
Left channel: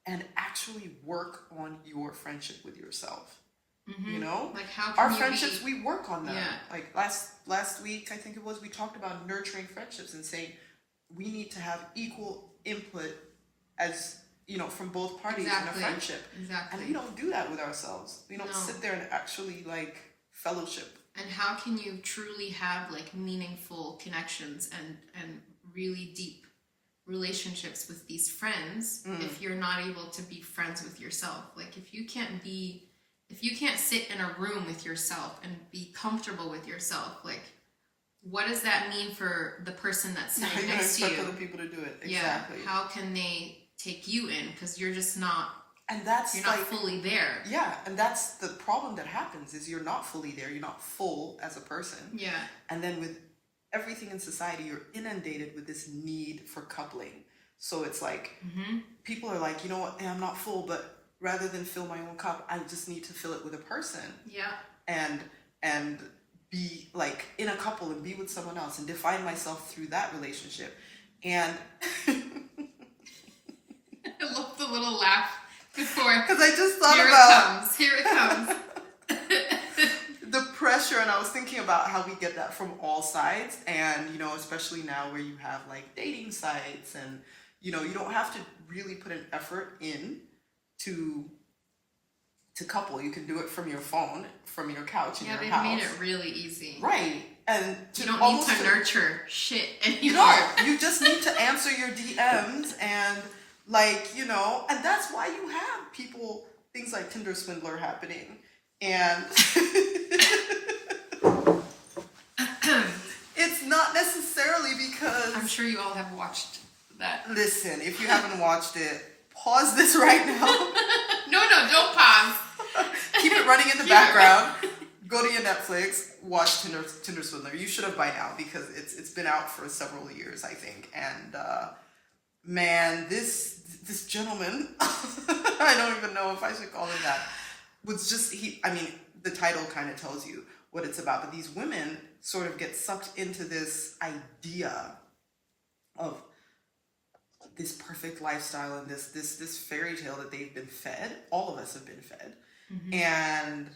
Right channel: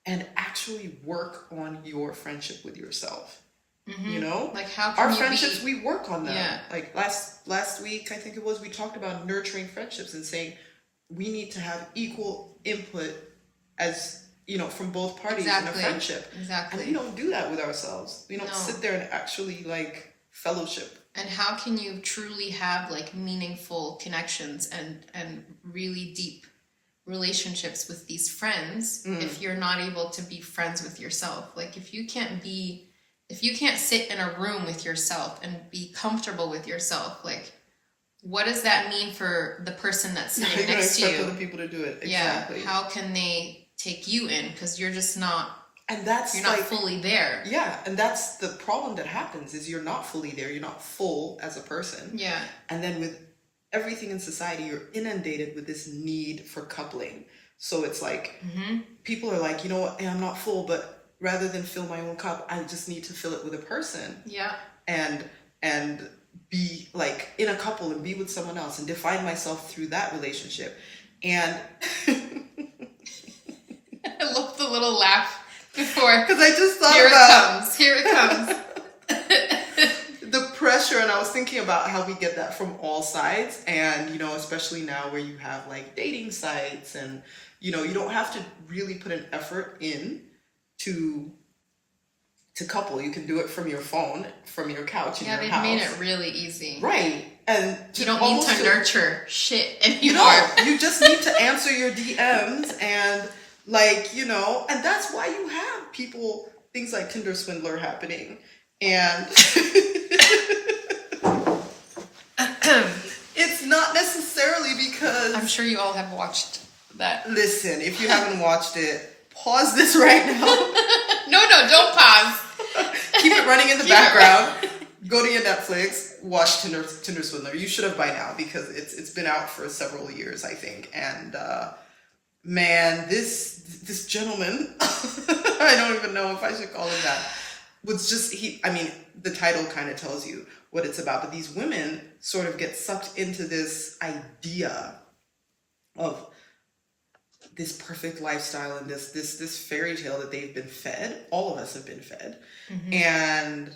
and actually work on your friendship with yourself. Mm-hmm. You know, like how can our you friendships, we work on them. Yeah. Like last week, I think it was, we talked about nurturing friendships and saying we need to have equal input, as you know, from both parties in a friendship. Exactly. And we don't do that with ourselves. We don't sit there and actually like fellowship. And how can you truly have like meaningful connections and really deep relationships with these friends if you're not able to be friends with yourself? Like if you can't sit in a room with yourself and be comfortable with yourself, like what does that mean for the person that's sitting next to you? Expect other people to do it. Exactly. Yeah. How can they take you in? Because you're just not. And that's you're not fully there. Yeah, and that's the problem that happens, is you're not fully there. You're not full as a person. Yeah. And then with everything in society, you're inundated with this need for coupling. So it's like people are like, you know what, I'm not full, but rather than fill my own cup, I just need to fill it with a person. Yeah. And be like in a couple and be with someone else and define myself through that relationship. And I love the little laugh before. Because I just thought Here it comes. the pressure, and I was thinking about how we get that from all sides. And, you know, especially now where you have like dating sites, and, you know, you don't have to really put an effort in to couple. You can do it from your phone, from your couch in your house. Yeah, they've made it really easy. Right. And you don't need to nurture shit anymore. You know, you just need to answer your DMs and like, you know, and that's why you have people, things like Tinder Swindler happening. And it's not necessarily because... I'm sure you all have watched that. Listen, if you haven't watched it, pause this right now. No, don't pause. Keep it running in the background. Go to your Netflix, watch Tinder Swindler. You should have by now, because it's been out for several years, I think. And man, this gentleman, I don't even know if I should call him that, was just, the title kind of tells you what it's about. But these women sort of get sucked into this idea of this perfect lifestyle and this fairy tale that they've been fed. All of us have been fed. Mm-hmm. And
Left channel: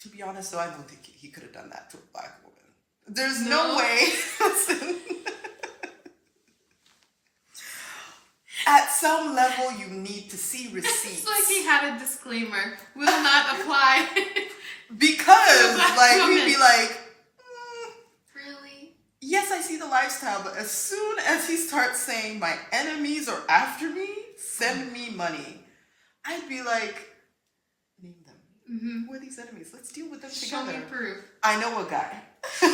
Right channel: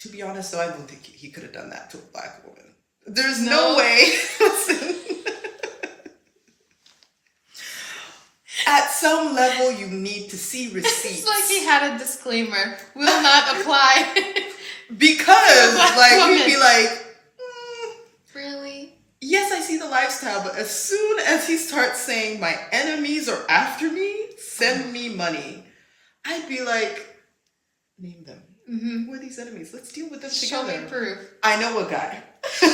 to be honest, though, I don't think he could have done that to a black woman. There's no way. Listen. At some level, you need to see receipts. It's like he had a disclaimer. Will not apply. Because, like, he'd be like, really? Yes, I see the lifestyle, but as soon as he starts saying my enemies are after me, send me money, I'd be like, name them. Mm-hmm. Who are these enemies? Let's deal with them together. Show me proof. I know a guy. I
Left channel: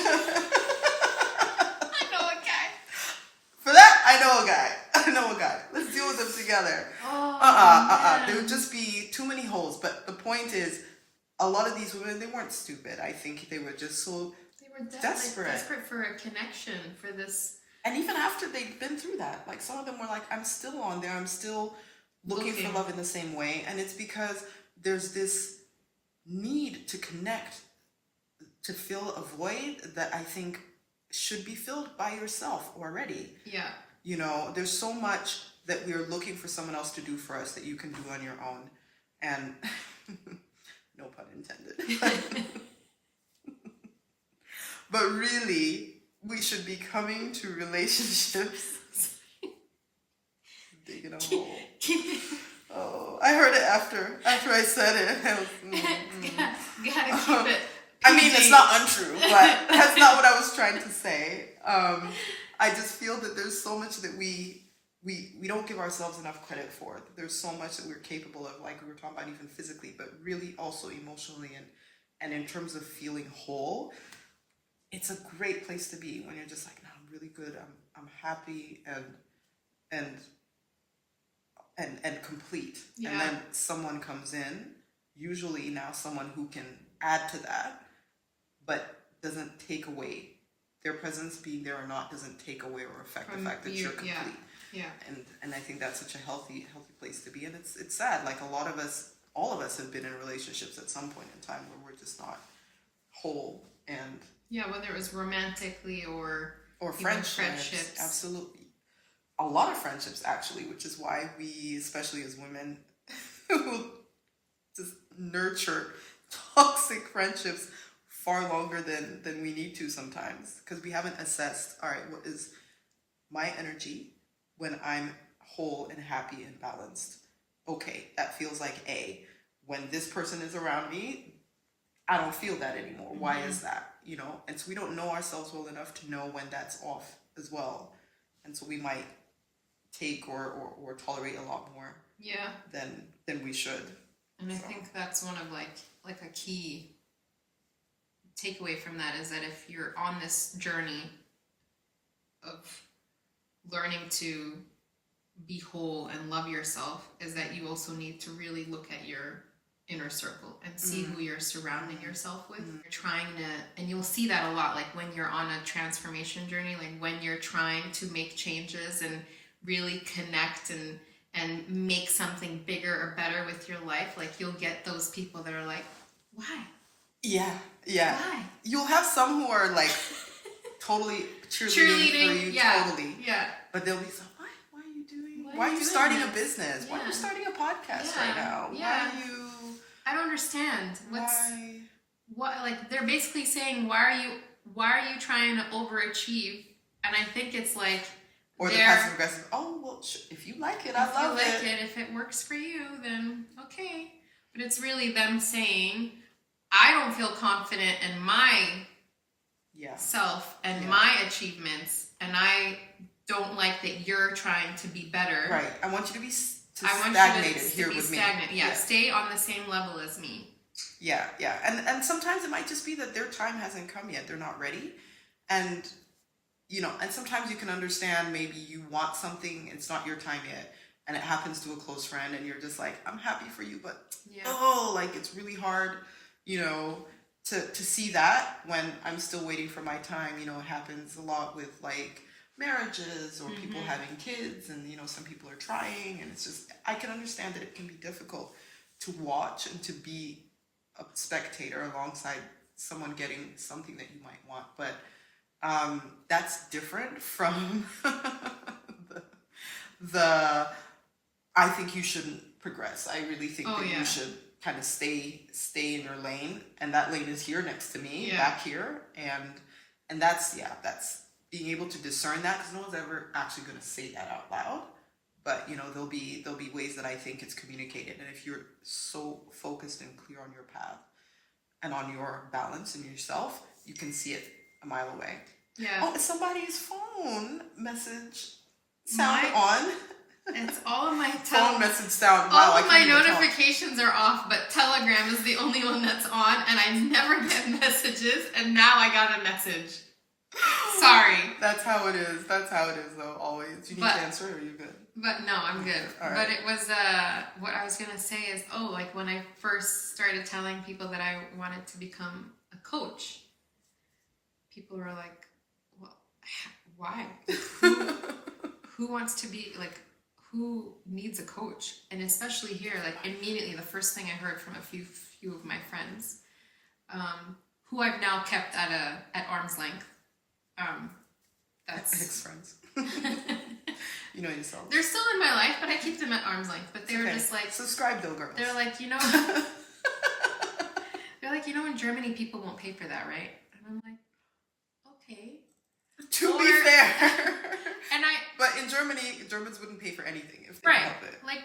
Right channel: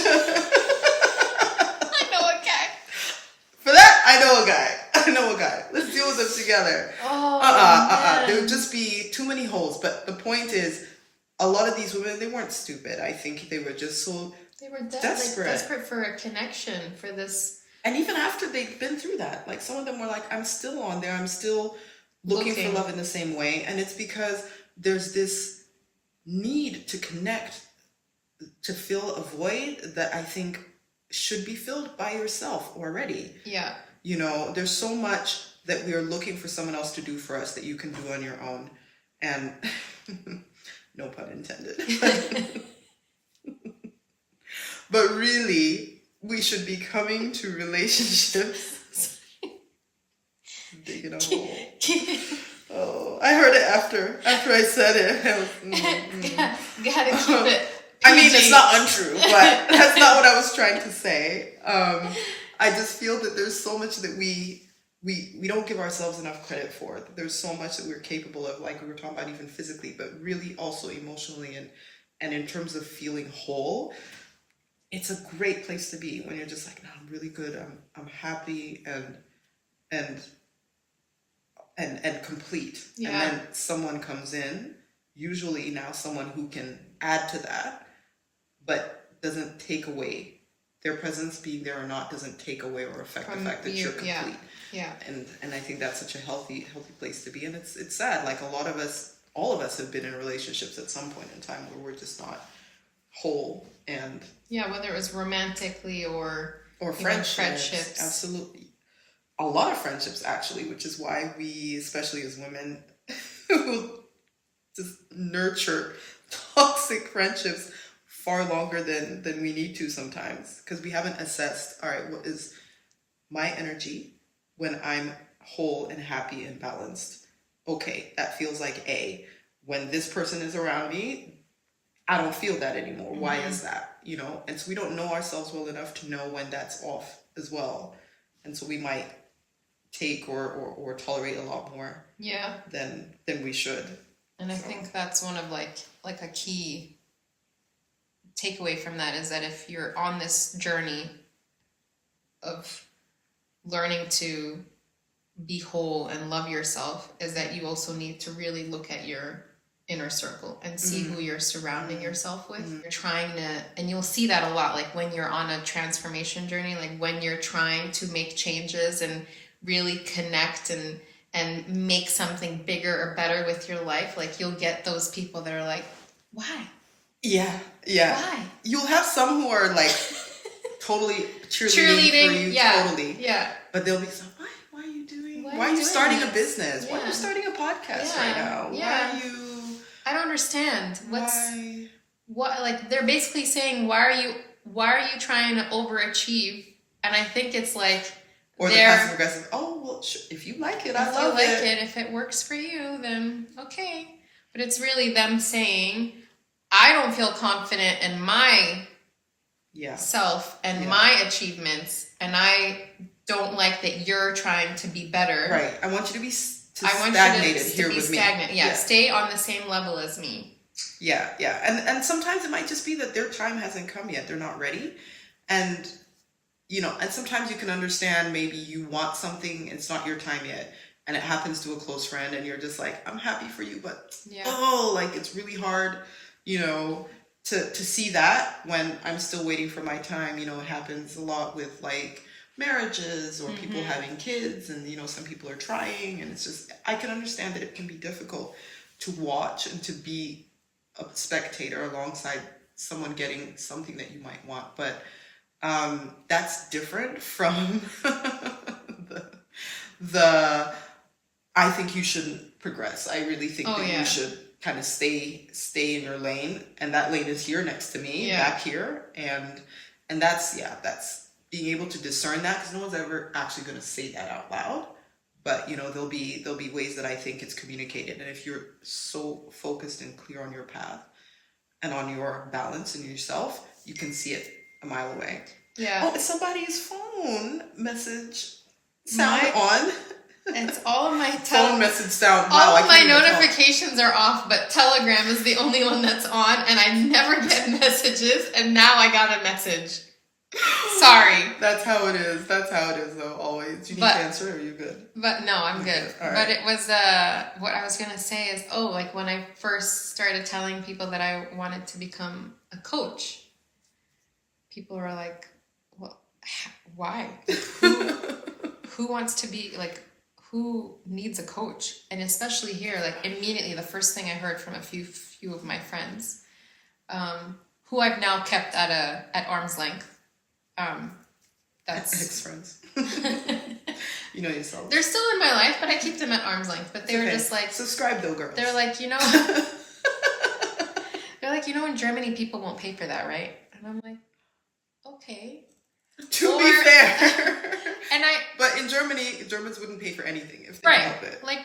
know a guy. For that, I know a guy. Let's deal with them together. There would just be too many holes. But the point is, a lot of these women, they weren't stupid. I think they were just so desperate. Like, desperate for a connection, for this. And even after they'd been through that, like some of them were like, I'm still on there. I'm still looking for love in the same way. And it's because there's this need to connect, to fill a void that I think should be filled by yourself already. Yeah. You know, there's so much that we are looking for someone else to do for us that you can do on your own. And no pun intended. But really, we should be coming to relationships. Digging a hole. Oh, I heard it after I said it. Gotta keep it. I mean, it's not untrue, but that's not what I was trying to say. I just feel that there's so much that we don't give ourselves enough credit for. There's so much that we're capable of, like we were talking about, even physically, but really also emotionally and in terms of feeling whole. It's a great place to be when you're just like, no, I'm really good. I'm happy and complete. Yeah. And then someone comes in, usually now someone who can add to that, but doesn't take away. Their presence being there or not doesn't take away or affect the fact that you're complete. Yeah. And I think that's such a healthy place to be. And it's sad. Like all of us have been in relationships at some point in time where we're just not whole. And yeah, whether it was romantically or friendships. Absolutely. A lot of friendships, actually, which is why we, especially as women, who just nurture toxic friendships far longer than we need to sometimes, because we haven't assessed, all right, what is my energy when I'm whole and happy and balanced? Okay, that feels like A. When this person is around me, I don't feel that anymore. Why is that? And so we don't know ourselves well enough to know when that's off as well. And so we might take or tolerate a lot more than we should. And I think that's one of like a key takeaway from that is that if you're on this journey of learning to be whole and love yourself, is that you also need to really look at your inner circle and see who you're surrounding yourself with. You're trying to, and you'll see that a lot, like when you're on a transformation journey, like when you're trying to make changes and really connect and make something bigger or better with your life, like you'll get those people that are like, why? Yeah. Why? You'll have some who are like totally cheerleading for you, totally. Yeah. But they'll be so, why are you doing? Why are you starting a business? Why are you starting a podcast right now? Yeah. Why are you? I don't understand. What? Like they're basically saying, why are you trying to overachieve? And I think it's like, or the passive aggressive. Oh well, if you like it, I love it. If it works for you, then okay. But it's really them saying, I don't feel confident in my self and my achievements, and I don't like that you're trying to be better. Right. I want you to be stagnated here with me. Yeah. Stay on the same level as me. Yeah. And sometimes it might just be that their time hasn't come yet. They're not ready. And and sometimes you can understand maybe you want something, it's not your time yet, and it happens to a close friend, and you're just like, I'm happy for you, but it's really hard, to see that when I'm still waiting for my time. It happens a lot with like marriages or people having kids, and some people are trying, and it's just, I can understand that it can be difficult to watch and to be a spectator alongside someone getting something that you might want, but that's different from the I think you shouldn't progress. I really think you should kind of stay in your lane, and that lane is here next to me, back here, and that's being able to discern that, because no one's ever actually going to say that out loud, but there'll be ways that I think it's communicated, and if you're so focused and clear on your path and on your balance and yourself, you can see it a mile away. Yeah. Oh, it's somebody's phone message sound on. It's all of my phone message sound. Wow, all of my notifications are off, but Telegram is the only one that's on, and I never get messages, and now I got a message. Sorry. That's how it is. Though, always. You need to answer, or are you good? But no, I'm good. All right. But it was, what I was going to say is, like when I first started telling people that I wanted to become a coach, people were like, well, why? Who wants to be, like, who needs a coach? And especially here, like immediately the first thing I heard from a few of my friends, who I've now kept at arm's length. That's ex-friends. You know yourself. They're still in my life, but I keep them at arm's length. But they were just like, subscribe though, girls. They're like, they're like, in Germany people won't pay for that, right? And I'm like, okay. To be fair. But in Germany, Germans wouldn't pay for anything if they help it. Like,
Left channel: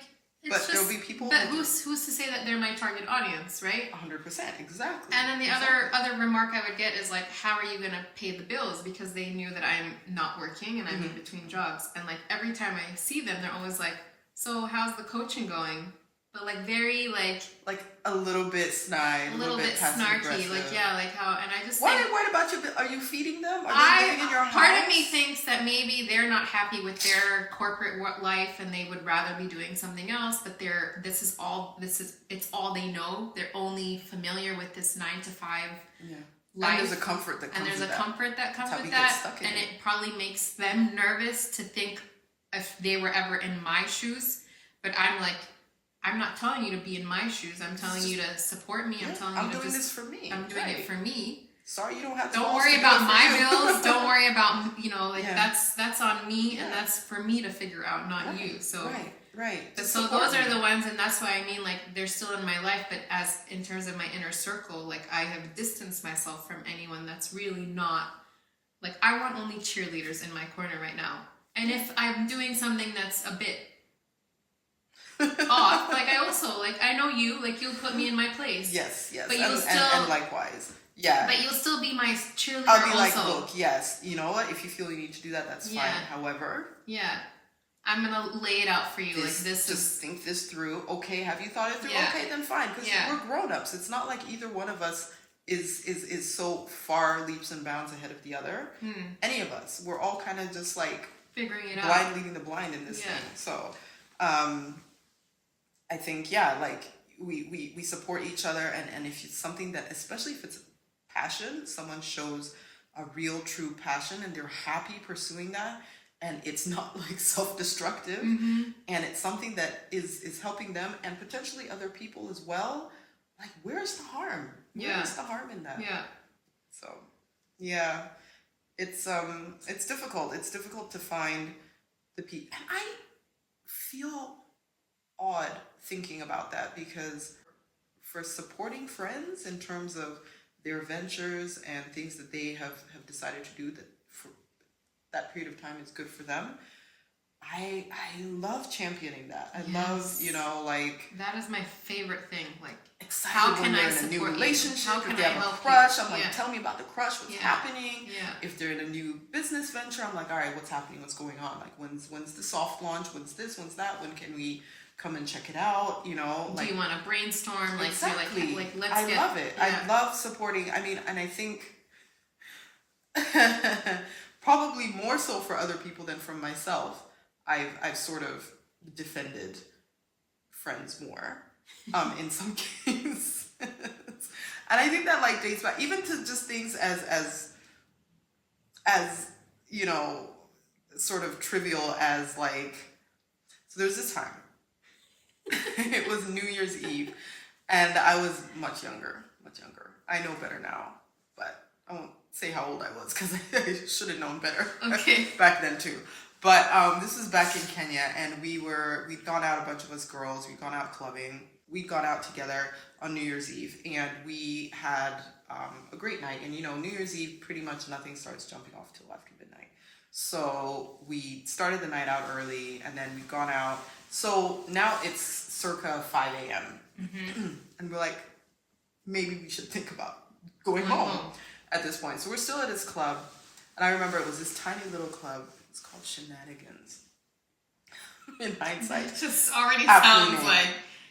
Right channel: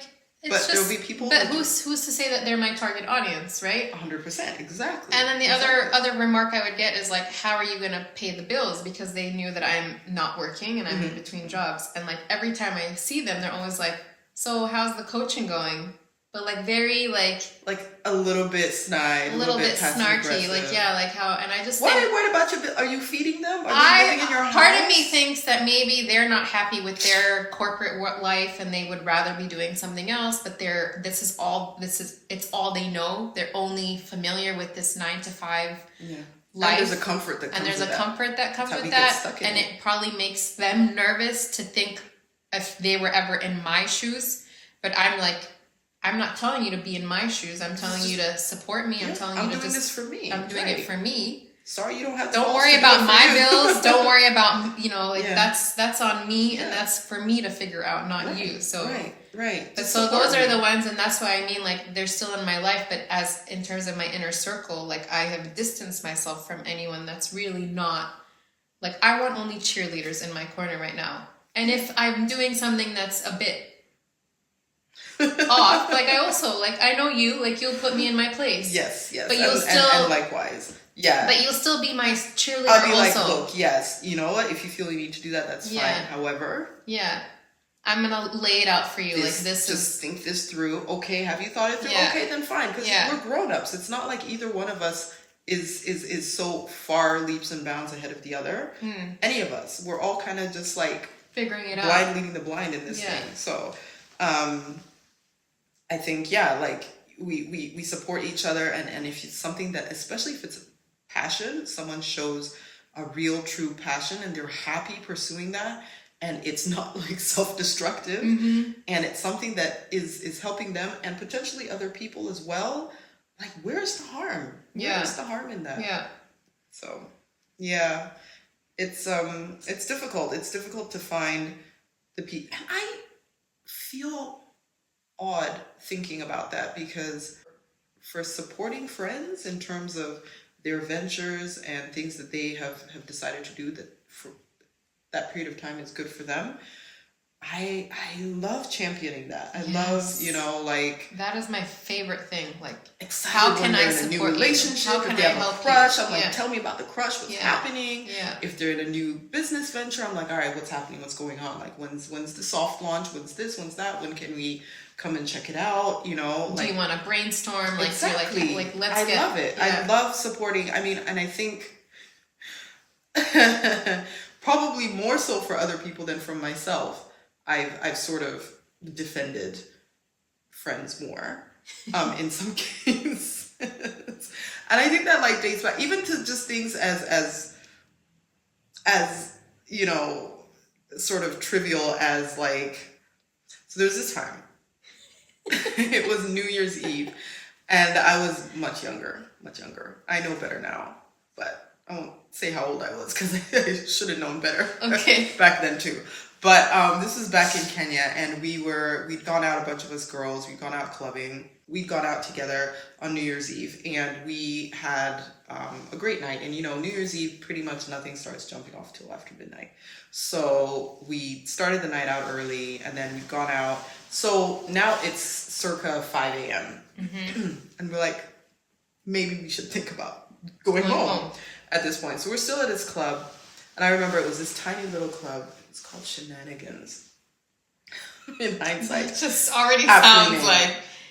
but there'll be people. But who's to say that they're my target audience, right? 100%, exactly. And then the other remark I would get is like, how are you gonna pay the bills? Because they knew that I'm not working and I'm in between jobs. And like every time I see them, they're always like, so how's the coaching going? But like very like a little bit snide, a little bit snarky, like like how, and I just what about you? Are you feeding them? Are they living in your house? Part of me thinks that maybe they're not happy with their corporate life and they would rather be doing something else. But it's all they know. They're only familiar with this 9 to 5 life. And there's a comfort that comes with that. And there's a comfort that comes with get that. stuck in And it it probably makes them nervous to think if they were ever in my shoes. But I'm like, I'm not telling you to be in my shoes. I'm telling you to support me. I'm telling you to I'm doing this for me. I'm doing it for me. Sorry, you don't have to. Don't worry about my bills. Don't worry about, you know, like that's on me, and that's for me to figure out, not you. So right. But so those are the ones, and that's why I mean, like, they're still in my life, but as in terms of my inner circle, like, I have distanced myself from anyone that's really not, like, I want only cheerleaders in my corner right now. And if I'm doing something that's a bit off, like, I also, like, I know you, like, you'll put me in my place. Yes. But you'll still, and likewise. Yeah. But you'll still be my cheerleader. I'll be also. like, look, yes, you know what? If you feel you need to do that, that's fine. However, I'm gonna lay it out for you. Just think this through. Okay, have you thought it through? Yeah. Okay, then fine. Because we're grown-ups. It's not like either one of us is so far leaps and bounds ahead of the other. Any of us. We're all kind of just like figuring it out. Blind leading the blind in this thing. So I think, like we support each other, and if it's something that, especially if it's passion, someone shows a real true passion and they're happy pursuing that, and it's not like self-destructive, and it's something that is helping them and potentially other people as well, like, where's the harm? Where's the harm in that? So it's difficult. It's difficult to find the people, and I feel odd thinking about that, because for supporting friends in terms of their ventures and things that they have decided to do that for that period of time is good for them, I love championing that. I love, like, that is my favorite thing. Like, excited how can when they're in a new relationship, if they have a crush, I'm like, tell me about the crush, what's happening. If they're in a new business venture, I'm like, all right, what's happening, what's going on? Like, when's the soft launch? When's this? When's that? When can we come and check it out? You know, like, do you want to brainstorm? Like, exactly. You're like let's I love it. I love supporting. I mean, and I think probably more so for other people than from myself, I've sort of defended friends more in some cases. And I think that, like, dates back even to just things as you know, sort of trivial as, like, so there's this time it was New Year's Eve, and I was much younger. I know better now, but I won't say how old I was because I should have known better. Okay. Back then too. But this was back in Kenya, and we'd gone out, a bunch of us girls, we'd gone out clubbing. We'd gone out together on New Year's Eve, and we had a great night. And, you know, New Year's Eve, pretty much nothing starts jumping off till after midnight. So we started the night out early, and then we'd gone out. So now it's circa 5 a.m. And we're like, maybe we should think about going home at this point. So we're still at this club, and I remember it was this tiny little club. It's called Shenanigans. In hindsight, it just already sounds like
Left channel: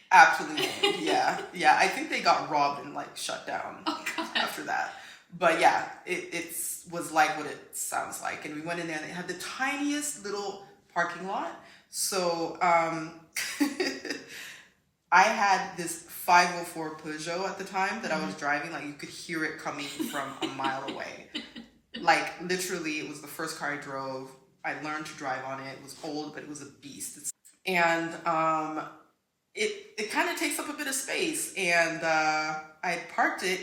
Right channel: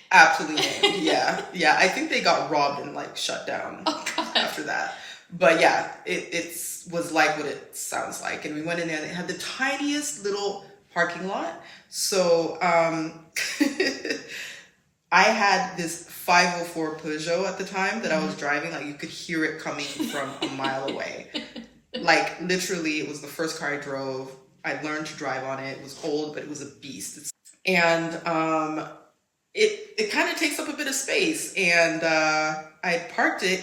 absolutely named. Yeah. I think they got robbed and, like, shut down after that. But yeah, it was like what it sounds like. And we went in there, and they had the tiniest little parking lot. So I had this 504 Peugeot at the time that I was driving. Like, you could hear it coming from a mile away. Like, literally, it was the first car I drove. I learned to drive on it. It was old, but it was a beast. And it kind of takes up a bit of space. And I parked it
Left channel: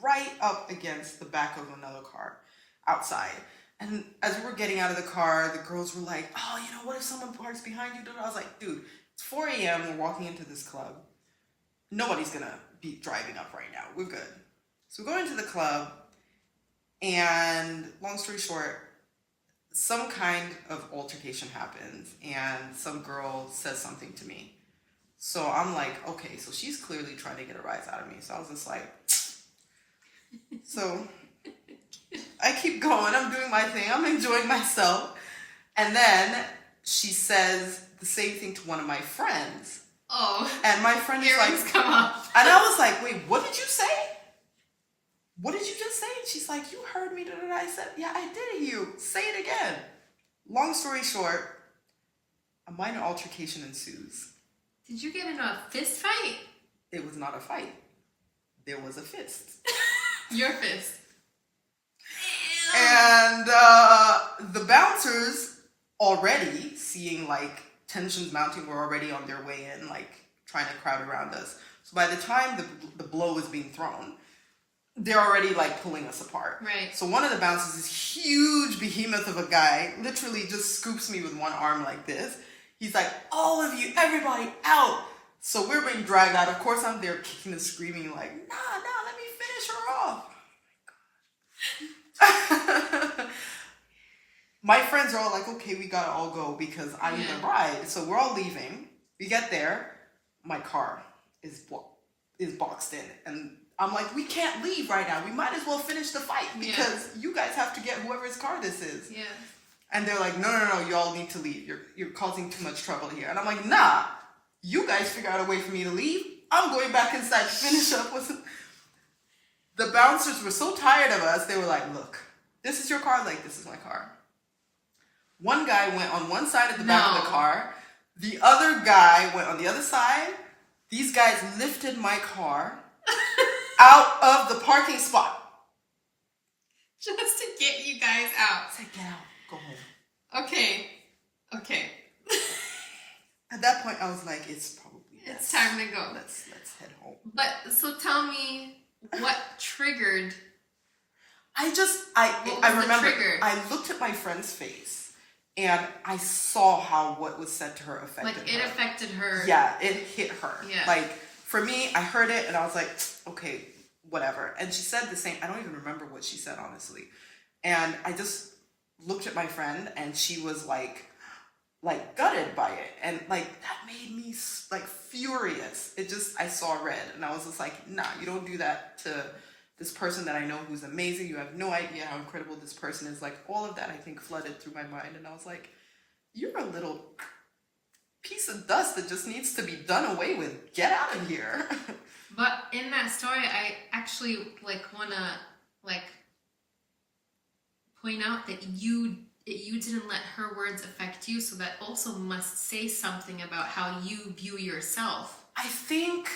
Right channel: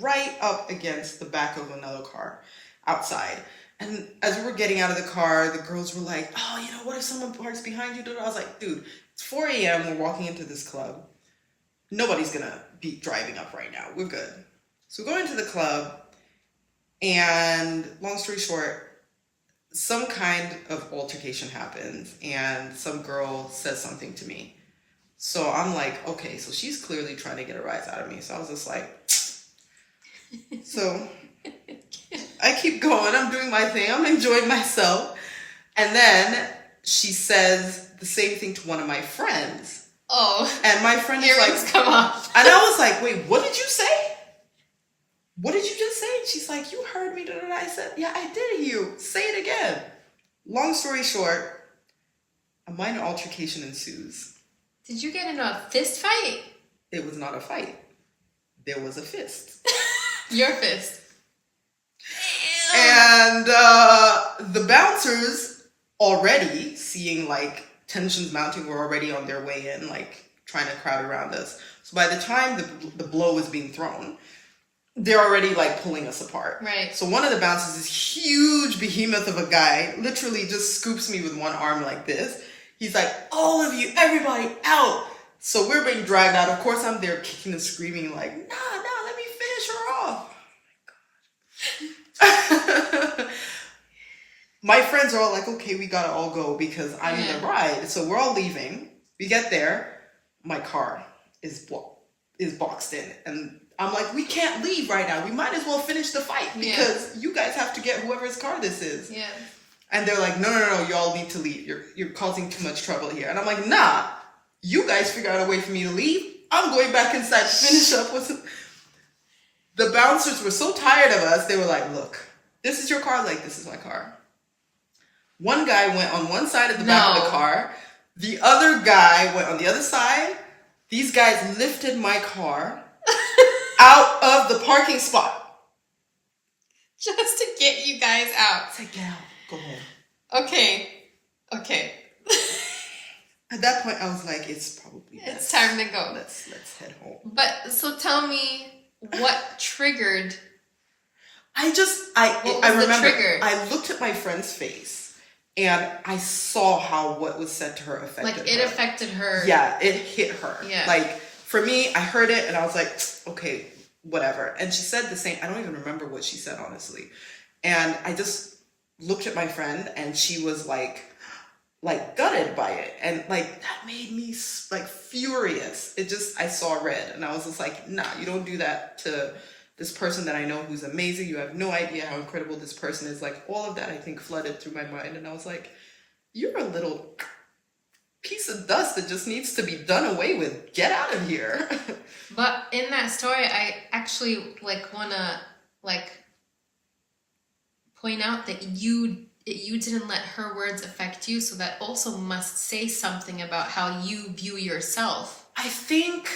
right up against the back of another car outside. And as we were getting out of the car, the girls were like, oh, you know, what if someone parks behind you? I was like, dude, it's 4 a.m. We're walking into this club. Nobody's going to be driving up right now. We're good. So we go into the club, and long story short, some kind of altercation happens, and some girl says something to me. So I'm like, okay, so she's clearly trying to get a rise out of me. So I was just like, so I keep going. I'm doing my thing. I'm enjoying myself. And then she says the same thing to one of my friends. Oh. And my friend is like, come off. And I was like, wait, what did you say? What did you just say? She's like, you heard me. I said, yeah, I did hear you. Say it again. Long story short, a minor altercation ensues. Did you get in a fist fight? It was not a fight. There was a fist. Your fist. And the bouncers, already seeing like tensions mounting, were already on their way in, like trying to crowd around us. So by the time the blow was being thrown, they're already like pulling us apart. Right. So one of the bouncers, this huge behemoth of a guy, literally just scoops me with one arm like this. He's like, all of you, everybody out. So we're being dragged out. Of course, I'm there kicking and screaming like, nah, let me finish her off. Oh my God. My friends are all like, okay, we gotta all go because I need a ride. So we're all leaving. We get there. My car is boxed in. And I'm like, we can't leave right now. We might as well finish the fight because you guys have to get whoever's car this is. Yeah. And they're like, no, y'all need to leave. You're causing too much trouble here. And I'm like, nah, you guys figure out a way for me to leave. I'm going back inside to finish up with the bouncers were so tired of us. They were like, look, this is your car. Like, this is my car. One guy went on one side of the back of the car. The other guy went on the other side. These guys lifted my car out of the parking spot. Just to get you guys out. I said, get out. Go home. Okay. At that point, I was like, it's probably best. It's time to go. Let's head home. But, so tell me what triggered... I remember, I looked at my friend's face and I saw how what was said to her affected her. Like, it affected her. Yeah, it hit her. Yeah. Like, for me, I heard it and I was like, okay, whatever. And she said the same, I don't even remember what she said, honestly. And I just looked at my friend and she was like gutted by it. And like, that made me like furious. I saw red and I was just like, nah, you don't do that to this person that I know who's amazing. You have no idea how incredible this person is. Like, all of that, I think, flooded through my mind. And I was like, you're a little piece of dust that just needs to be done away with. Get out of here. But in that story, I actually want to point out that you didn't let her words affect you, so that also must say something about how you view yourself. I think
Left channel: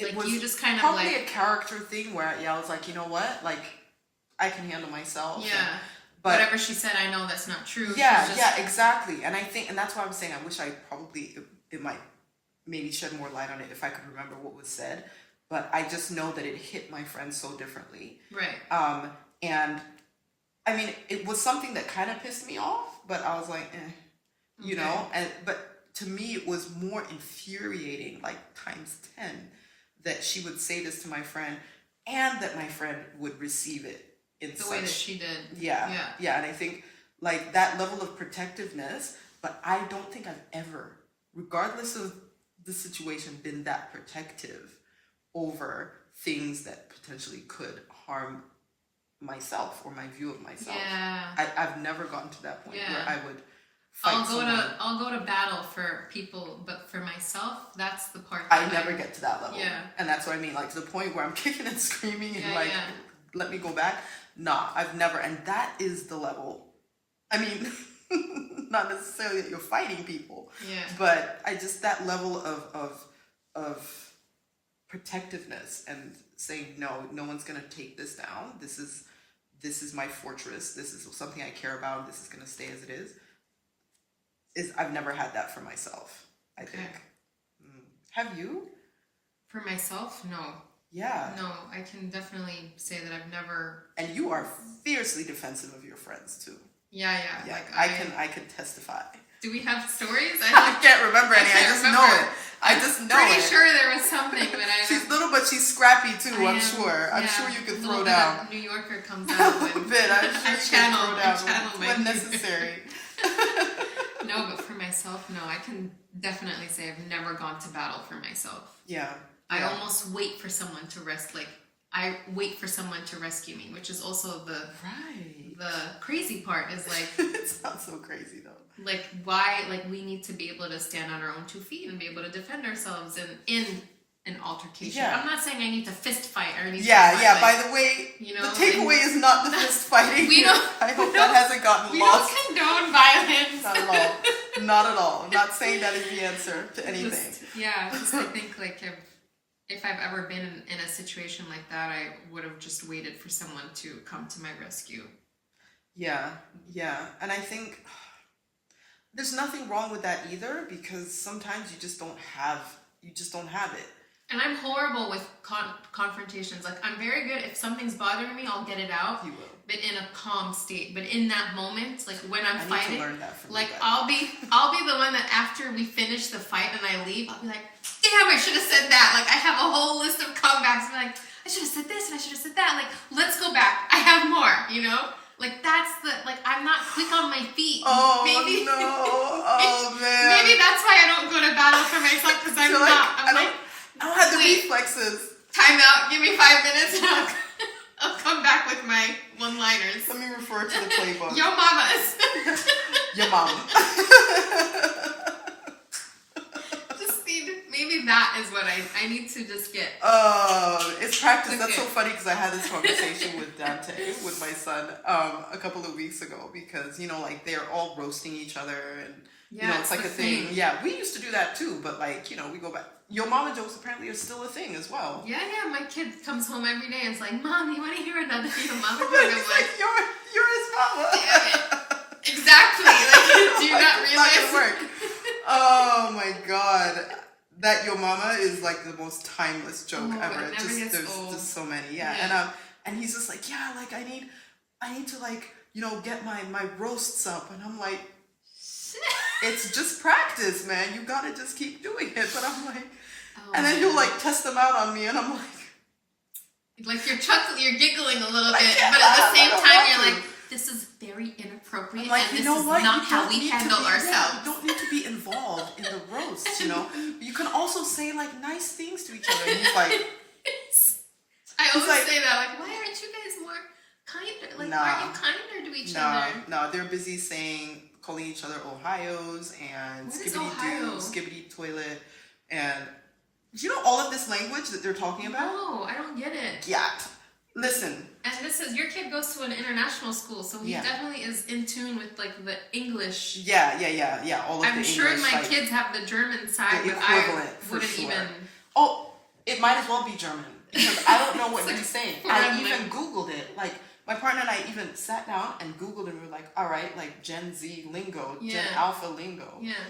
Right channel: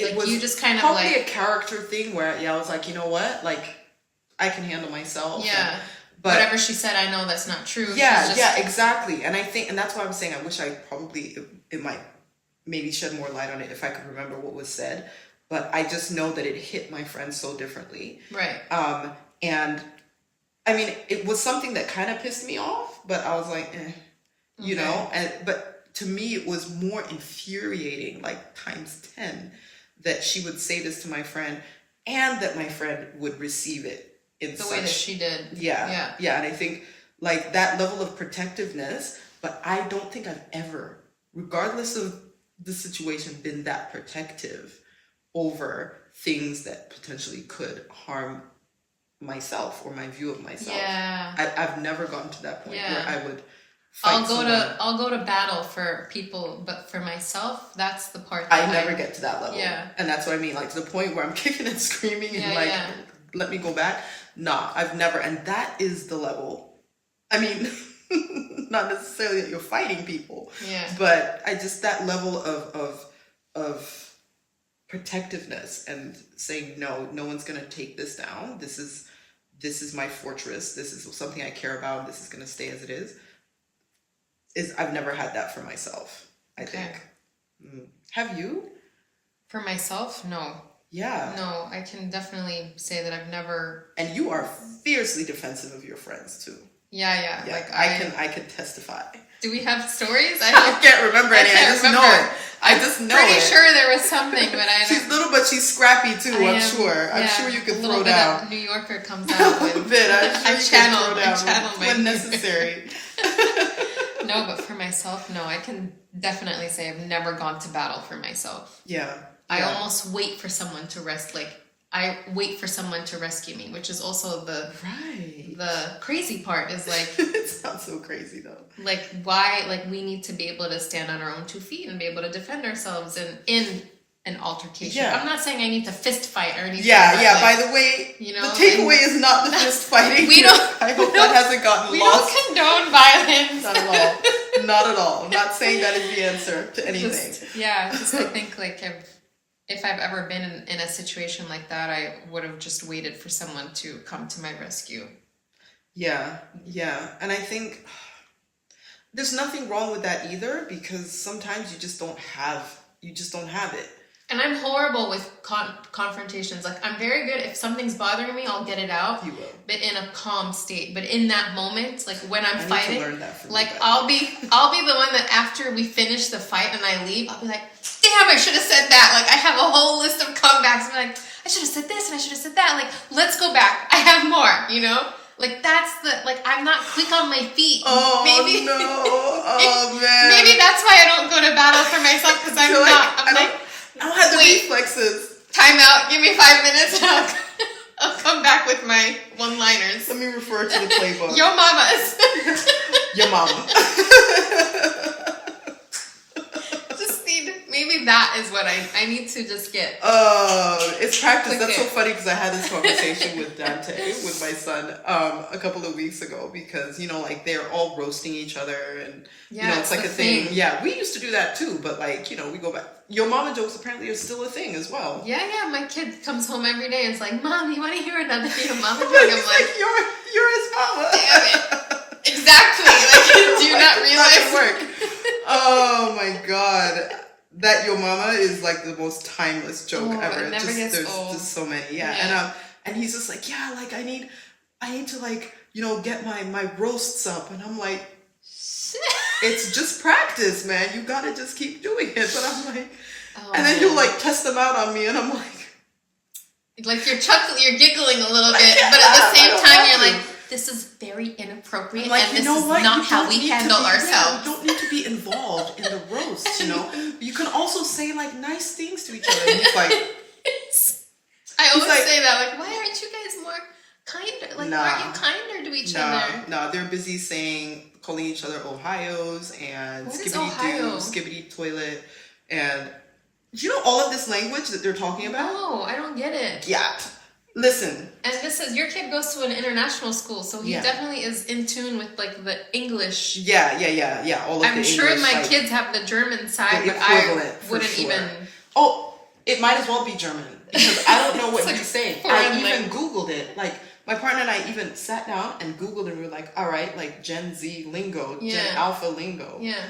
it was you just kind of probably a character thing where I was like, you know what, like I can handle myself. Yeah. But whatever she said, I know that's not true. Yeah, exactly. And I think, and that's why I'm saying I wish I probably it might maybe shed more light on it if I could remember what was said. But I just know that it hit my friend so differently. Right. And I mean, it was something that kind of pissed me off, but I was like, you know, but to me, it was more infuriating, like times 10, that she would say this to my friend and that my friend would receive it in the way that she did. Yeah. And I think like that level of protectiveness, but I don't think I've ever, regardless of the situation, been that protective over things that potentially could harm myself or my view of myself. Yeah. I've never gotten to that point where I would fight I'll go to battle for people, but for myself, that's the part that I never get to that level. Yeah. And that's what I mean, like to the point where I'm kicking and screaming and let me go back. Nah, I've never, and that is the level. I mean, not necessarily that you're fighting people, but I just, that level of protectiveness and saying, no one's going to take this down. This is my fortress. This is something I care about. This is going to stay as it is. I've never had that for myself, I think. Have you? For myself? No. Yeah. No, I can definitely say that I've never. And you are fiercely defensive of your friends too. Yeah. Like I can testify. Do we have stories? I can't remember any. I just know it. I just know it. Pretty sure there was something, but I. She's little, but she's scrappy too. I'm sure. I'm sure you can throw down. New Yorker comes out with. A bit. I'm sure you can throw down when necessary. No, but for myself, no. I can definitely say I've never gone to battle for myself. Yeah. I almost wait for someone to I wait for someone to rescue me, which is also the crazy part is like it sounds so crazy though. Like why we need to be able to stand on our own 2 feet and be able to defend ourselves in an altercation. Yeah. I'm not saying I need to fist fight or anything. Yeah. By the way, the takeaway is not the fist fighting. I hope that hasn't gotten lost. We don't condone violence. Not at all. Not at all. I'm not saying that is the answer to anything. I think if I've ever been in a situation like that, I would have just waited for someone to come to my rescue. Yeah, yeah. And I think there's nothing wrong with that either, because sometimes you just don't have it. And I'm horrible with confrontations. Like, I'm very good. If something's bothering me, I'll get it out. You will. But in a calm state. But in that moment, like when I'm fighting, need to learn that from like you, I'll be the one that after we finish the fight and I leave, I'll be like, damn, I should have said that. Like, I have a whole list of comebacks. I'm like, I should have said this and I should have said that. Like, let's go back. I have more, you know? Like, that's I'm not quick on my feet. Oh, maybe, no. Oh, man. Maybe that's why I don't go to battle for myself, because I'm not. I don't have the reflexes. Time out. Give me 5 minutes and I'll come back with my one-liners. Let me refer to the playbook. Yo mamas. Your mama. Maybe that is what I need to just get. It's practice. That's so funny, because I had this conversation with Dante, with my son, a couple of weeks ago, because, like, they're all roasting each other, and, it's like a thing. Yeah, we used to do that too, but, like, we go back. Your mama jokes apparently are still a thing as well. Yeah, my kid comes home every day and it's like, Mom, you want to hear another your mama joke? I'm like, you're his mama. Damn it. Exactly. Like, do you not realize? It's not gonna work. Oh my God. That your mama is like the most timeless joke ever. It never gets old. Just so many. Yeah. And he's just like, yeah, like I need to, like, get my roasts up. And I'm like, it's just practice, man. You gotta just keep doing it. But I'm like, and then you'll like test them out on me, and I'm like you're giggling a little bit, but at the same time you're like, this is very inappropriate, like, and this is not how we handle ourselves. You don't need to be involved in the roast, You can also say like nice things to each other. And he's like, I always say that, like, why aren't you guys more kinder? Like, why aren't you kinder to each other? No, they're busy calling each other Ohios and skibbity doo, skibbity toilet, and all of this language that they're talking about? No, I don't get it. Yeah. Listen. And this is, your kid goes to an international school, so he definitely is in tune with like the English. Yeah. All of the I'm English. sure my kids have the German side, the but I wouldn't even. Oh, it might as well be German, because I don't know what he's saying. I even Googled it. Like, my partner and I even sat down and Googled it, and we were like, all right, like Gen Z lingo, Gen Alpha lingo. Yeah.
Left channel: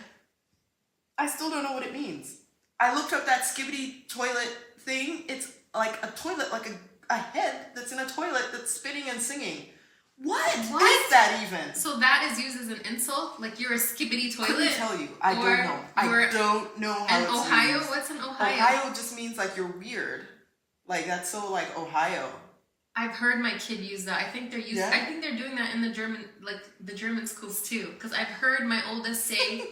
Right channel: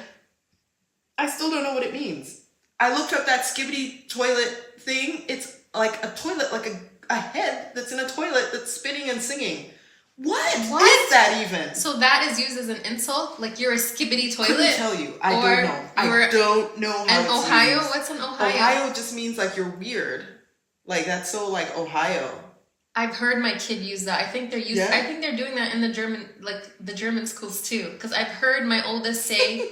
I still don't know what it means. I looked up that skibbity toilet thing. It's like a toilet, like a head that's in a toilet that's spitting and singing. What is that even? So that is used as an insult? Like, you're a skibbity toilet? Couldn't tell you. I don't know. I don't know how it's Ohio? used. What's an Ohio? Ohio just means like you're weird. Like, that's so like Ohio. I've heard my kid use that. I think they're I think they're doing that in the German schools too. Because I've heard my oldest say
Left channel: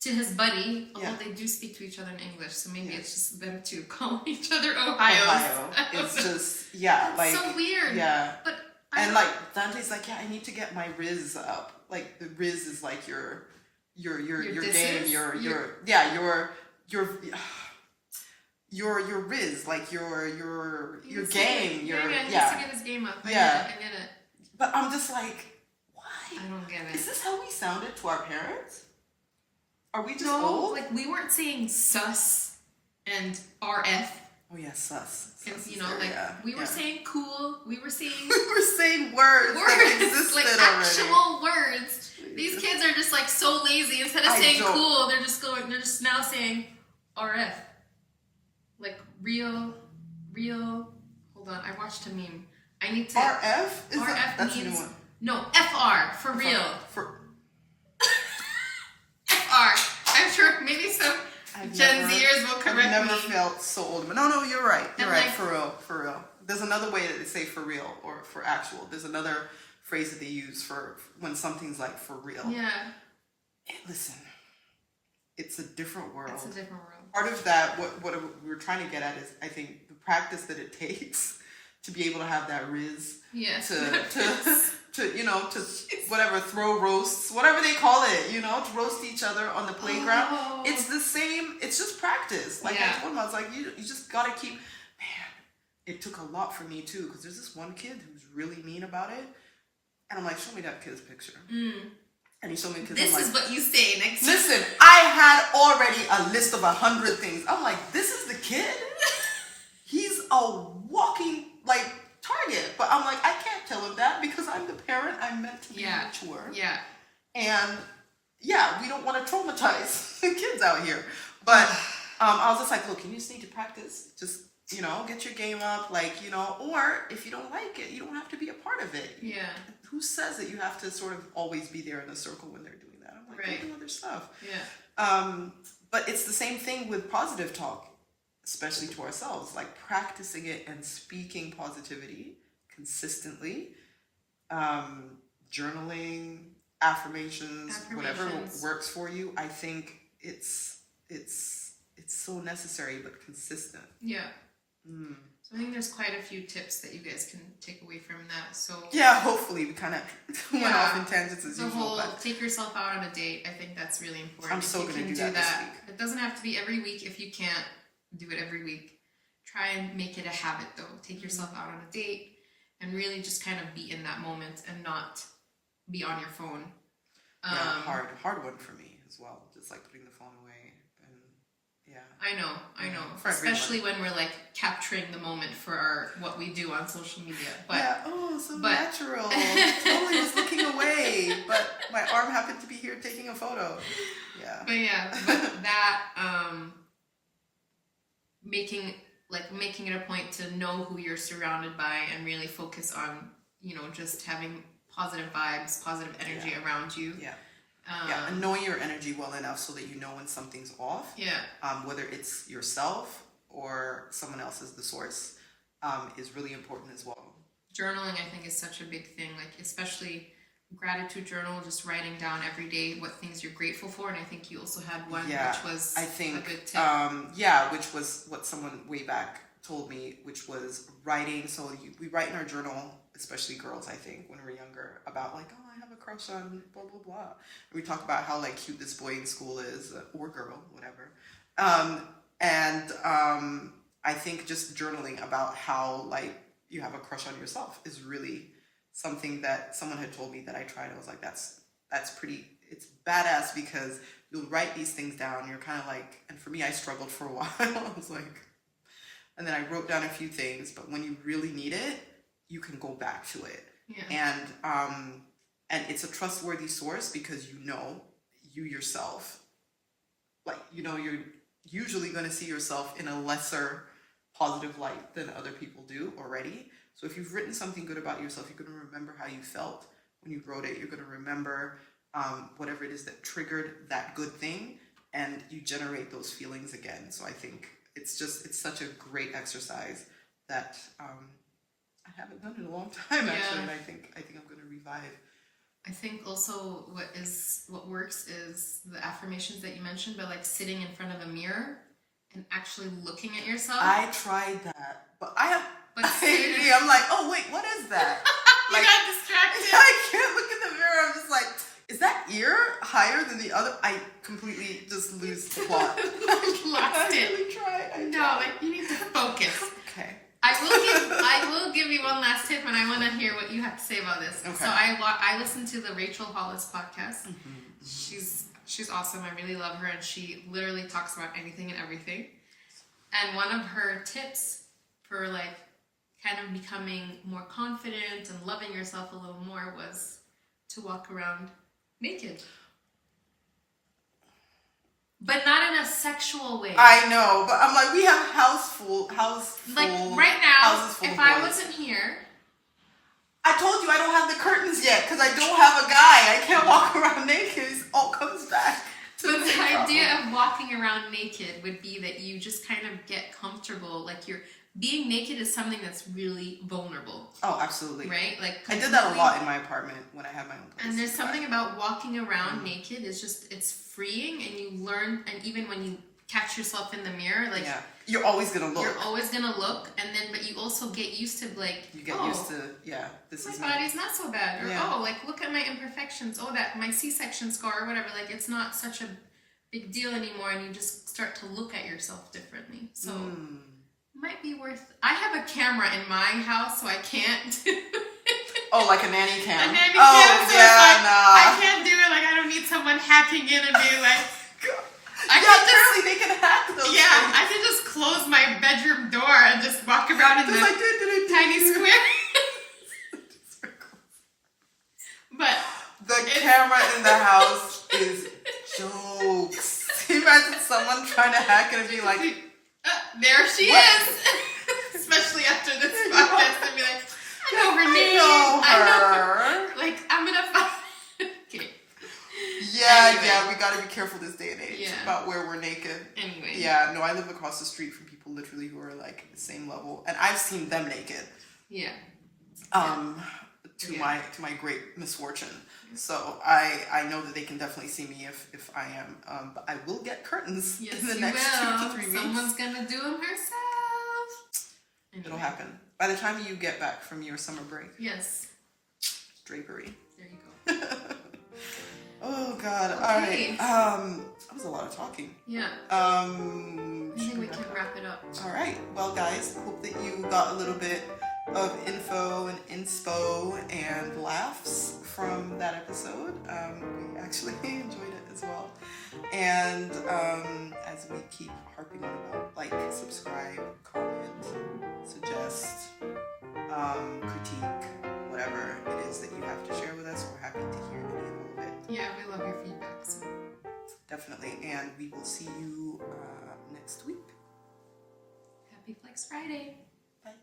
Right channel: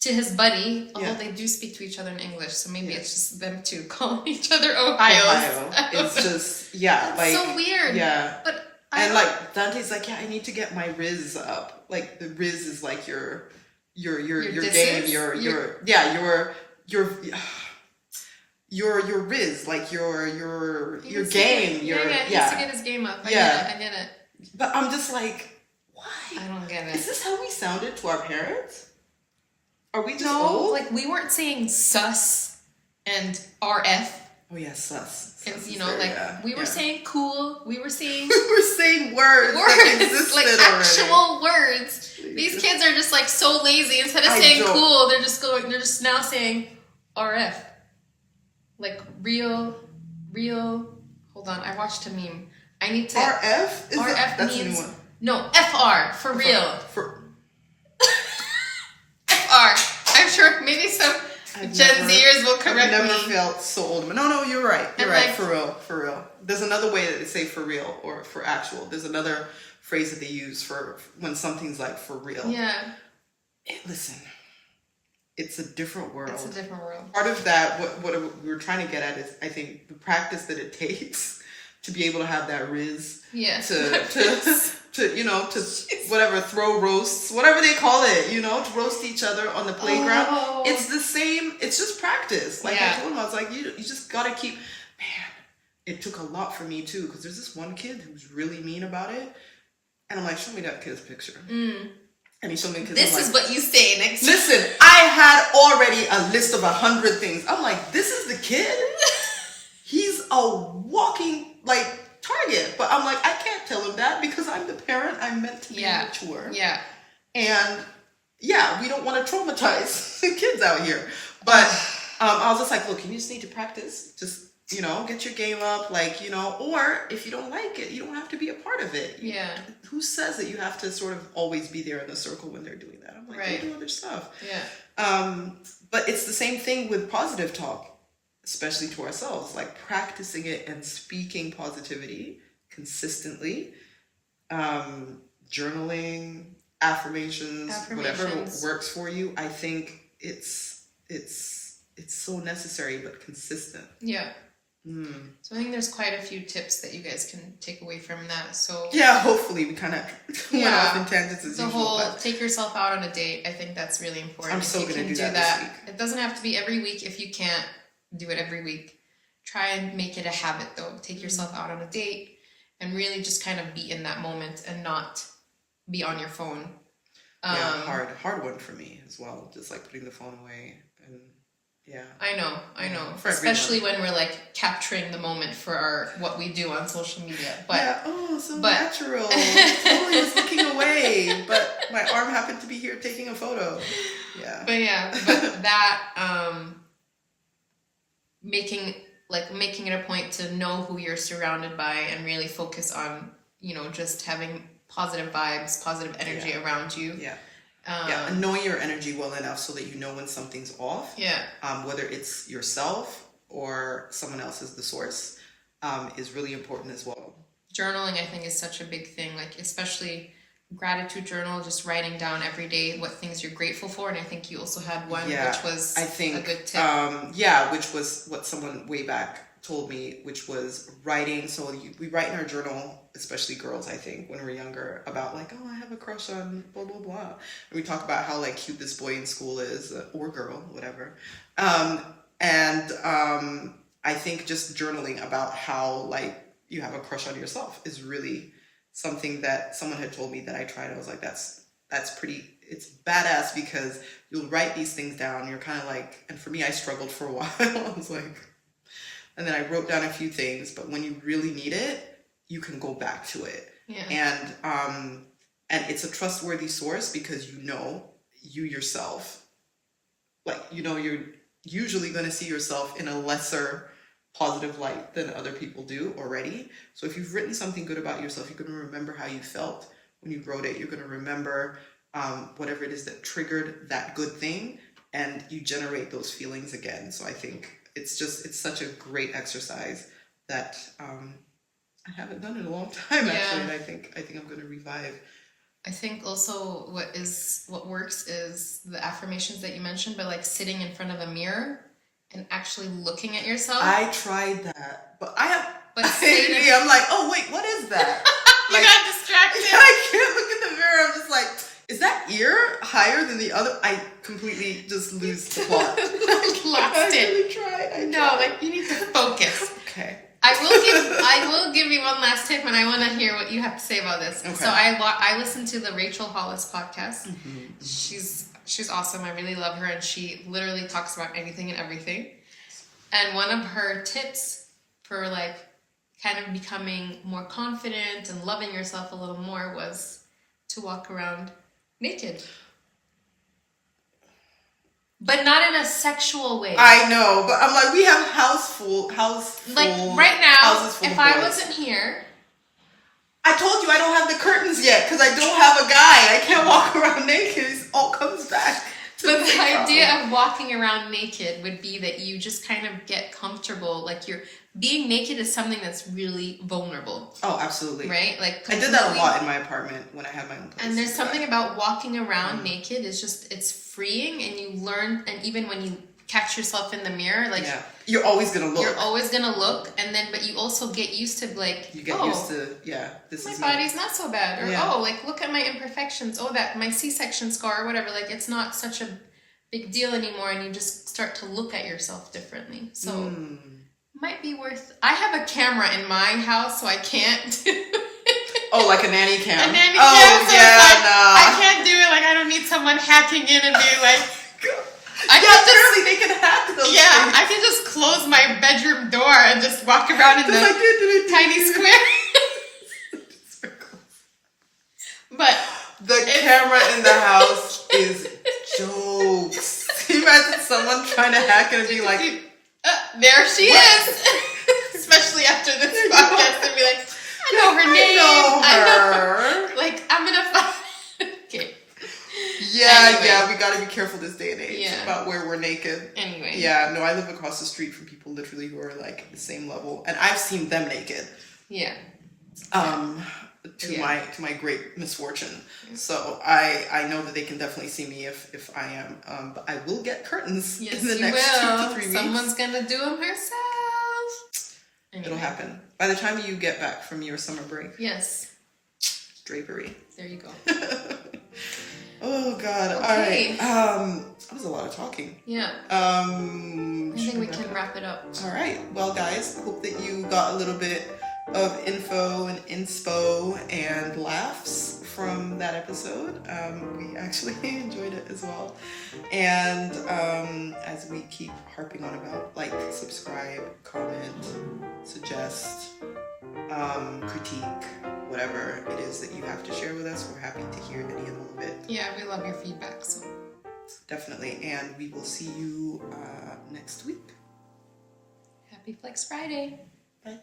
to his buddy, although they do speak to each other in English, so maybe it's just them two calling each other Ohios. Ohio. It's just That's like so weird. Yeah. But like Dante's like, I need to get my Riz up. Like, the Riz is like your game, your Riz, like your game, he needs to get his game up. I get it. But I'm just like, why? I don't get it. Is this how we sounded to our parents? Are we just old? Like, we weren't saying sus and RF. Oh yeah, sus. And, we were saying cool. We were saying words that existed like actual already. Words. These kids are just like so lazy. Instead of saying cool, they're just now saying RF. Like real. Hold on, I watched a meme. I need to. RF? That's means, a new one. No, FR for real. FR. I'm sure maybe some Gen Zers will correct me. I've never felt so old. No, you're right. You're right. For real. There's another way that they say for real or for actual. There's another phrase that they use for when something's like for real. Yeah. Listen, it's a different world. It's a different world. Part of that, what we were trying to get at is, I think, the practice that it takes to be able to have that Riz. Yes. To whatever, throw roasts, whatever they call it, to roast each other on the playground. Oh. It's the same. It's just practice. Like I told him, I was like, you just gotta keep. Man, it took a lot for me too, because there's this one kid who's really mean about it, and I'm like, show me that kid's picture. And he showed me because this is what you say next. Listen, I had already a list of 100 things. I'm like, this is the kid. a walking like target. But I'm like, I can't tell him that because I'm the parent. I'm meant to be mature. Yeah. And yeah, we don't want to traumatize kids out here. But I was just like, look, you just need to practice. Just, you know, get your game up, like, you know, or if you don't like it, you don't have to be a part of it. Yeah. Who says that you have to sort of always be there in the circle when they're doing that? I'm like, go do other stuff. Yeah. But it's the same thing with positive talk, especially to ourselves, like practicing it and speaking positivity consistently, journaling, affirmations, whatever works for you. I think it's so necessary, but consistent. Yeah. So I think there's quite a few tips that you guys can take away from that. So yeah, hopefully we kind of went off in tangents as usual. The whole take yourself out on a date, I think that's really important. I'm so going to do that this week. It doesn't have to be every week. If you can't do it every week, try and make it a habit though. Take yourself out on a date and really just kind of be in that moment and not be on your phone. Hard one for me as well. Just like putting the phone away and yeah. I know. Especially when we're like capturing the moment for what we do on social media. But natural. Totally was looking away, but my arm happened to be here taking a photo. Yeah. But that making it a point to know who you're surrounded by and really focus on, you know, just having positive vibes, positive energy around you. Yeah. And knowing your energy well enough so that you know when something's off. Yeah. Whether it's yourself or someone else is the source, is really important as well. Journaling, I think, is such a big thing. Like, especially gratitude journal, just writing down every day what things you're grateful for. And I think you also had one, which was a good tip. Which was what someone way back told me, which was writing. So we write in our journal, especially girls, I think, when we're younger, about like, oh, I have a crush on blah, blah, blah. And we talk about how like cute this boy in school is, or girl, whatever. I think just journaling about how like you have a crush on yourself is really something that someone had told me that I tried. I was like, that's pretty, it's badass because you'll write these things down. You're kind of like, and for me, I struggled for a while. I was like, and then I wrote down a few things, but when you really need it, you can go back to it. Yeah. And it's a trustworthy source because you know you yourself, like, you know, you're usually going to see yourself in a lesser positive light than other people do already. So if you've written something good about yourself, you're going to remember how you felt when you wrote it. You're going to remember whatever it is that triggered that good thing, and you generate those feelings again. So I think it's such a great exercise that I haven't done in a long time, actually. And I think I'm going to revive. I think also what works is the affirmations that you mentioned, but like sitting in front of a mirror and actually looking at yourself. I tried that, but I'm like, oh wait, what is that? You got distracted. I can't look in the mirror. I'm just like, is that ear higher than the other? I completely just lose the plot. Lost it. I really tried. Like you need to focus. Okay. I will give you one last tip, and I want to hear what you have to say about this. Okay. So I listened to the Rachel Hollis podcast. Mm-hmm. She's awesome. I really love her, and she literally talks about anything and everything. And one of her tips for like kind of becoming more confident and loving yourself a little more was to walk around naked. But not in a sexual way. I know, but I'm like, we have house full. Like right now, if I wasn't here, I told you I don't have the curtains yet because I don't have a guy. I can't walk around naked. It all comes back. But the idea of walking around naked would be that you just kind of get comfortable. Like being naked is something that's really vulnerable. Oh, absolutely. Right? Like I did that a lot in my apartment when I had my own place. And there's something about walking around naked is just, it's freeing, and you learn, and even when you catch yourself in the mirror, like you're always gonna look. You're always gonna look, and then but you also get used to like used to this my body's not so bad, or like look at my imperfections, that my C-section scar or whatever, like it's not such a big deal anymore, and you just start to look at yourself differently. So might be worth. I have a camera in my house, so I can't. Oh, like a nanny cam. A nanny cam. So I can't do it. Like I don't need someone hacking in and being like. apparently they can hack those Yeah, things. I can just close my bedroom door and just walk around in the like, tiny square. But the camera in the house is jokes. Can you imagine someone trying to hack it and be like, there she is. Especially after this podcast, and be like, I know her name. I know her. Like, I'm gonna find. Okay. Yeah, Anyway. yeah, we gotta be careful this day and age Yeah. about where we're naked. Anyway. Yeah, no, I live across the street from people literally who are like the same level, and I've seen them naked. Yeah. To my great misfortune. So I know that they can definitely see me if I am. But I will get curtains in the next 2 to 3 weeks. Someone's gonna do them herself. Anyway. It'll happen by the time you get back from your summer break. Yes. Drapery. There you go. Oh God! Okay. All right. That was a lot of talking. Yeah. I I think we can wrap it up. All right. Well, guys, hope that you got a little bit of info and inspo and laughs from that episode. We actually enjoyed it as well. And as we keep harping on about, like, subscribe, comment, suggest, critique, whatever it is that you have to share with us, we're happy to hear any and all of it. Yeah, we love your feedback. So Definitely. And we will see you next week. happy Flex Friday. Bye.